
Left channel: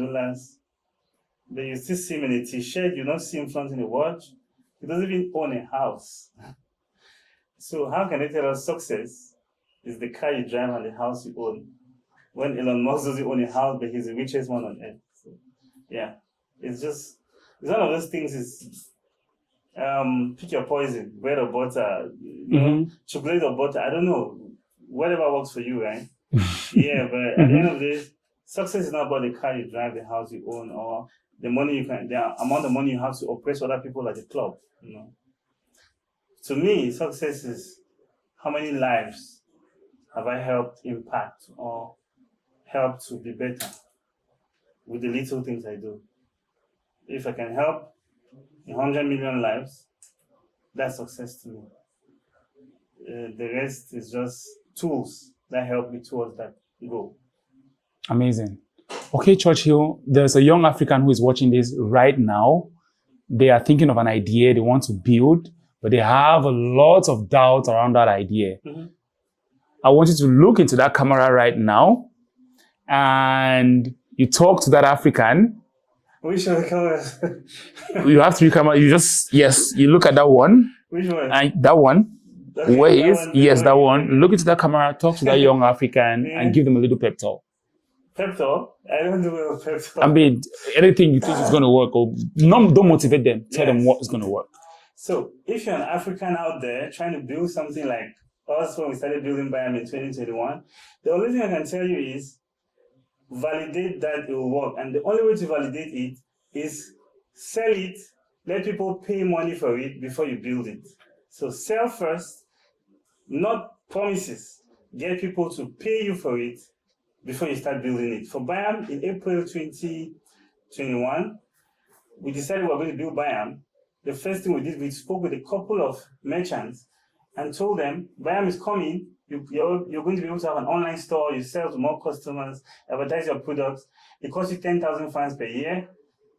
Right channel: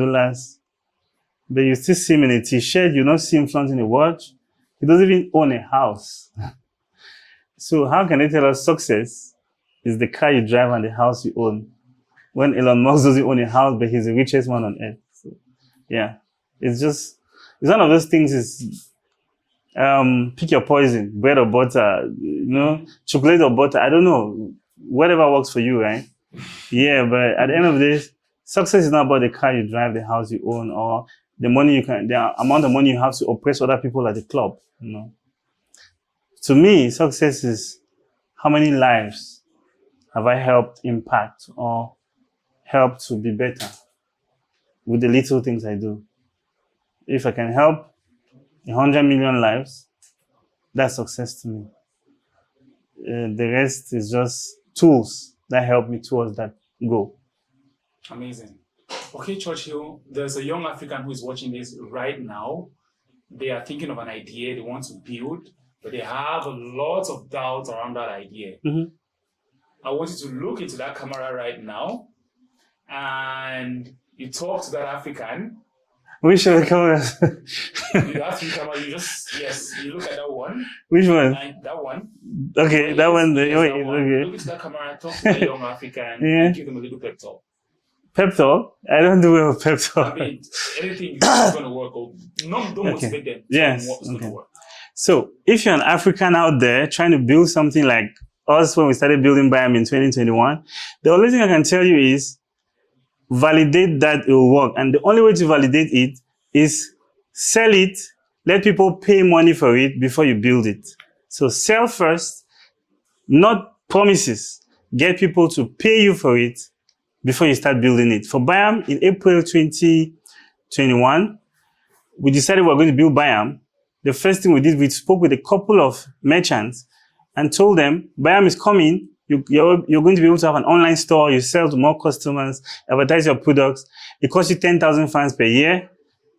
But you still see him in a t-shirt, you not see him flaunting a watch. He doesn't even own a house. So how can they tell us success is the car you drive and the house you own? When Elon Musk doesn't own a house, but he's the richest man on earth. So, yeah, it's one of those things is, pick your poison, bread or butter, chocolate or butter, I don't know, whatever works for you, right? Yeah, but at the end of this, success is not about the car you drive, the house you own, or the amount of money you have to oppress other people at the club, To me, success is how many lives have I helped impact or helped to be better with the little things I do. If I can help 100 million lives, that's success to me. The rest is just tools that help me towards that goal. Amazing. Okay, Churchill, there's a young African who is watching this right now. They are thinking of an idea they want to build, but they have a lot of doubt around that idea. I want you to look into that camera right now and you talk to that African. Which one camera? You have three cameras. You look at that one. Which one? And that one. Okay, that one. Yes, that one. Look into that camera, talk to that young African and give them a little pep talk. Pep talk? I don't do well with pep talk. I mean, anything you think is going to work, or don't motivate them. Tell them what is going to work. So if you're an African out there trying to build something like us when we started building Buyam in 2021, the only thing I can tell you is validate that it will work. And the only way to validate it is sell it, let people pay money for it before you build it. So sell first, not promises. Get people to pay you for it before you start building it. For Buyam, in April 2021, we decided we were going to build Buyam. The first thing we did, we spoke with a couple of merchants and told them, Buyam is coming. You're going to be able to have an online store. You sell to more customers, advertise your products. It costs you 10,000 francs per year.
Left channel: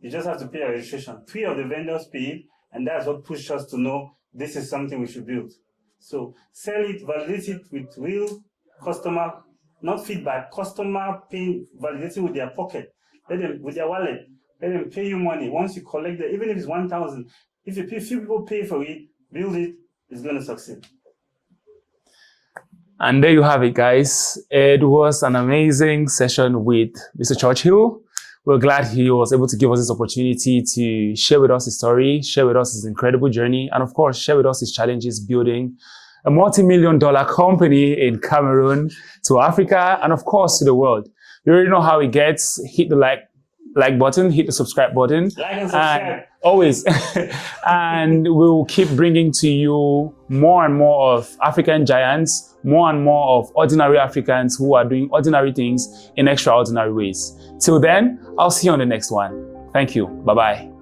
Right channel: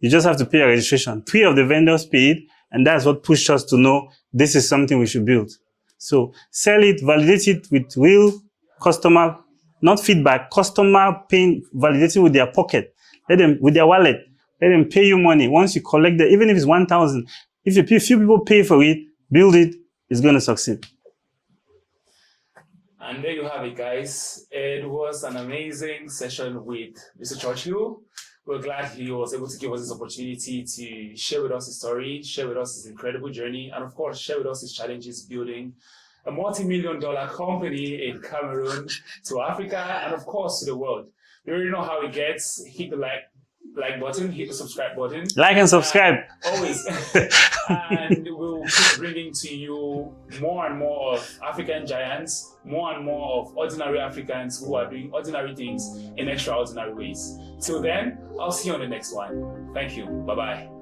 You just have to pay a registration. 3 of the vendors paid, and that's what pushed us to know this is something we should build. So sell it, validate it with real customer, not feedback, customer paying, validating with their pocket. Let them, with their wallet, let them pay you money. Once you collect it, even if it's 1,000, if a few people pay for it, build it, it's going to succeed. And there you have it, guys. It was an amazing session with Mr. Churchill. We're glad he was able to give us this opportunity to share with us his story, share with us his incredible journey, and of course, share with us his challenges building a multi-million-dollar company in Cameroon, to Africa, and of course, to the world. You already know how it gets. Hit the like button, hit the subscribe button. Like and subscribe. Always. And we'll keep bringing to you more and more of African giants, more and more of ordinary Africans who are doing ordinary things in extraordinary ways. Till then, I'll see you on the next one. Thank you. Bye-bye.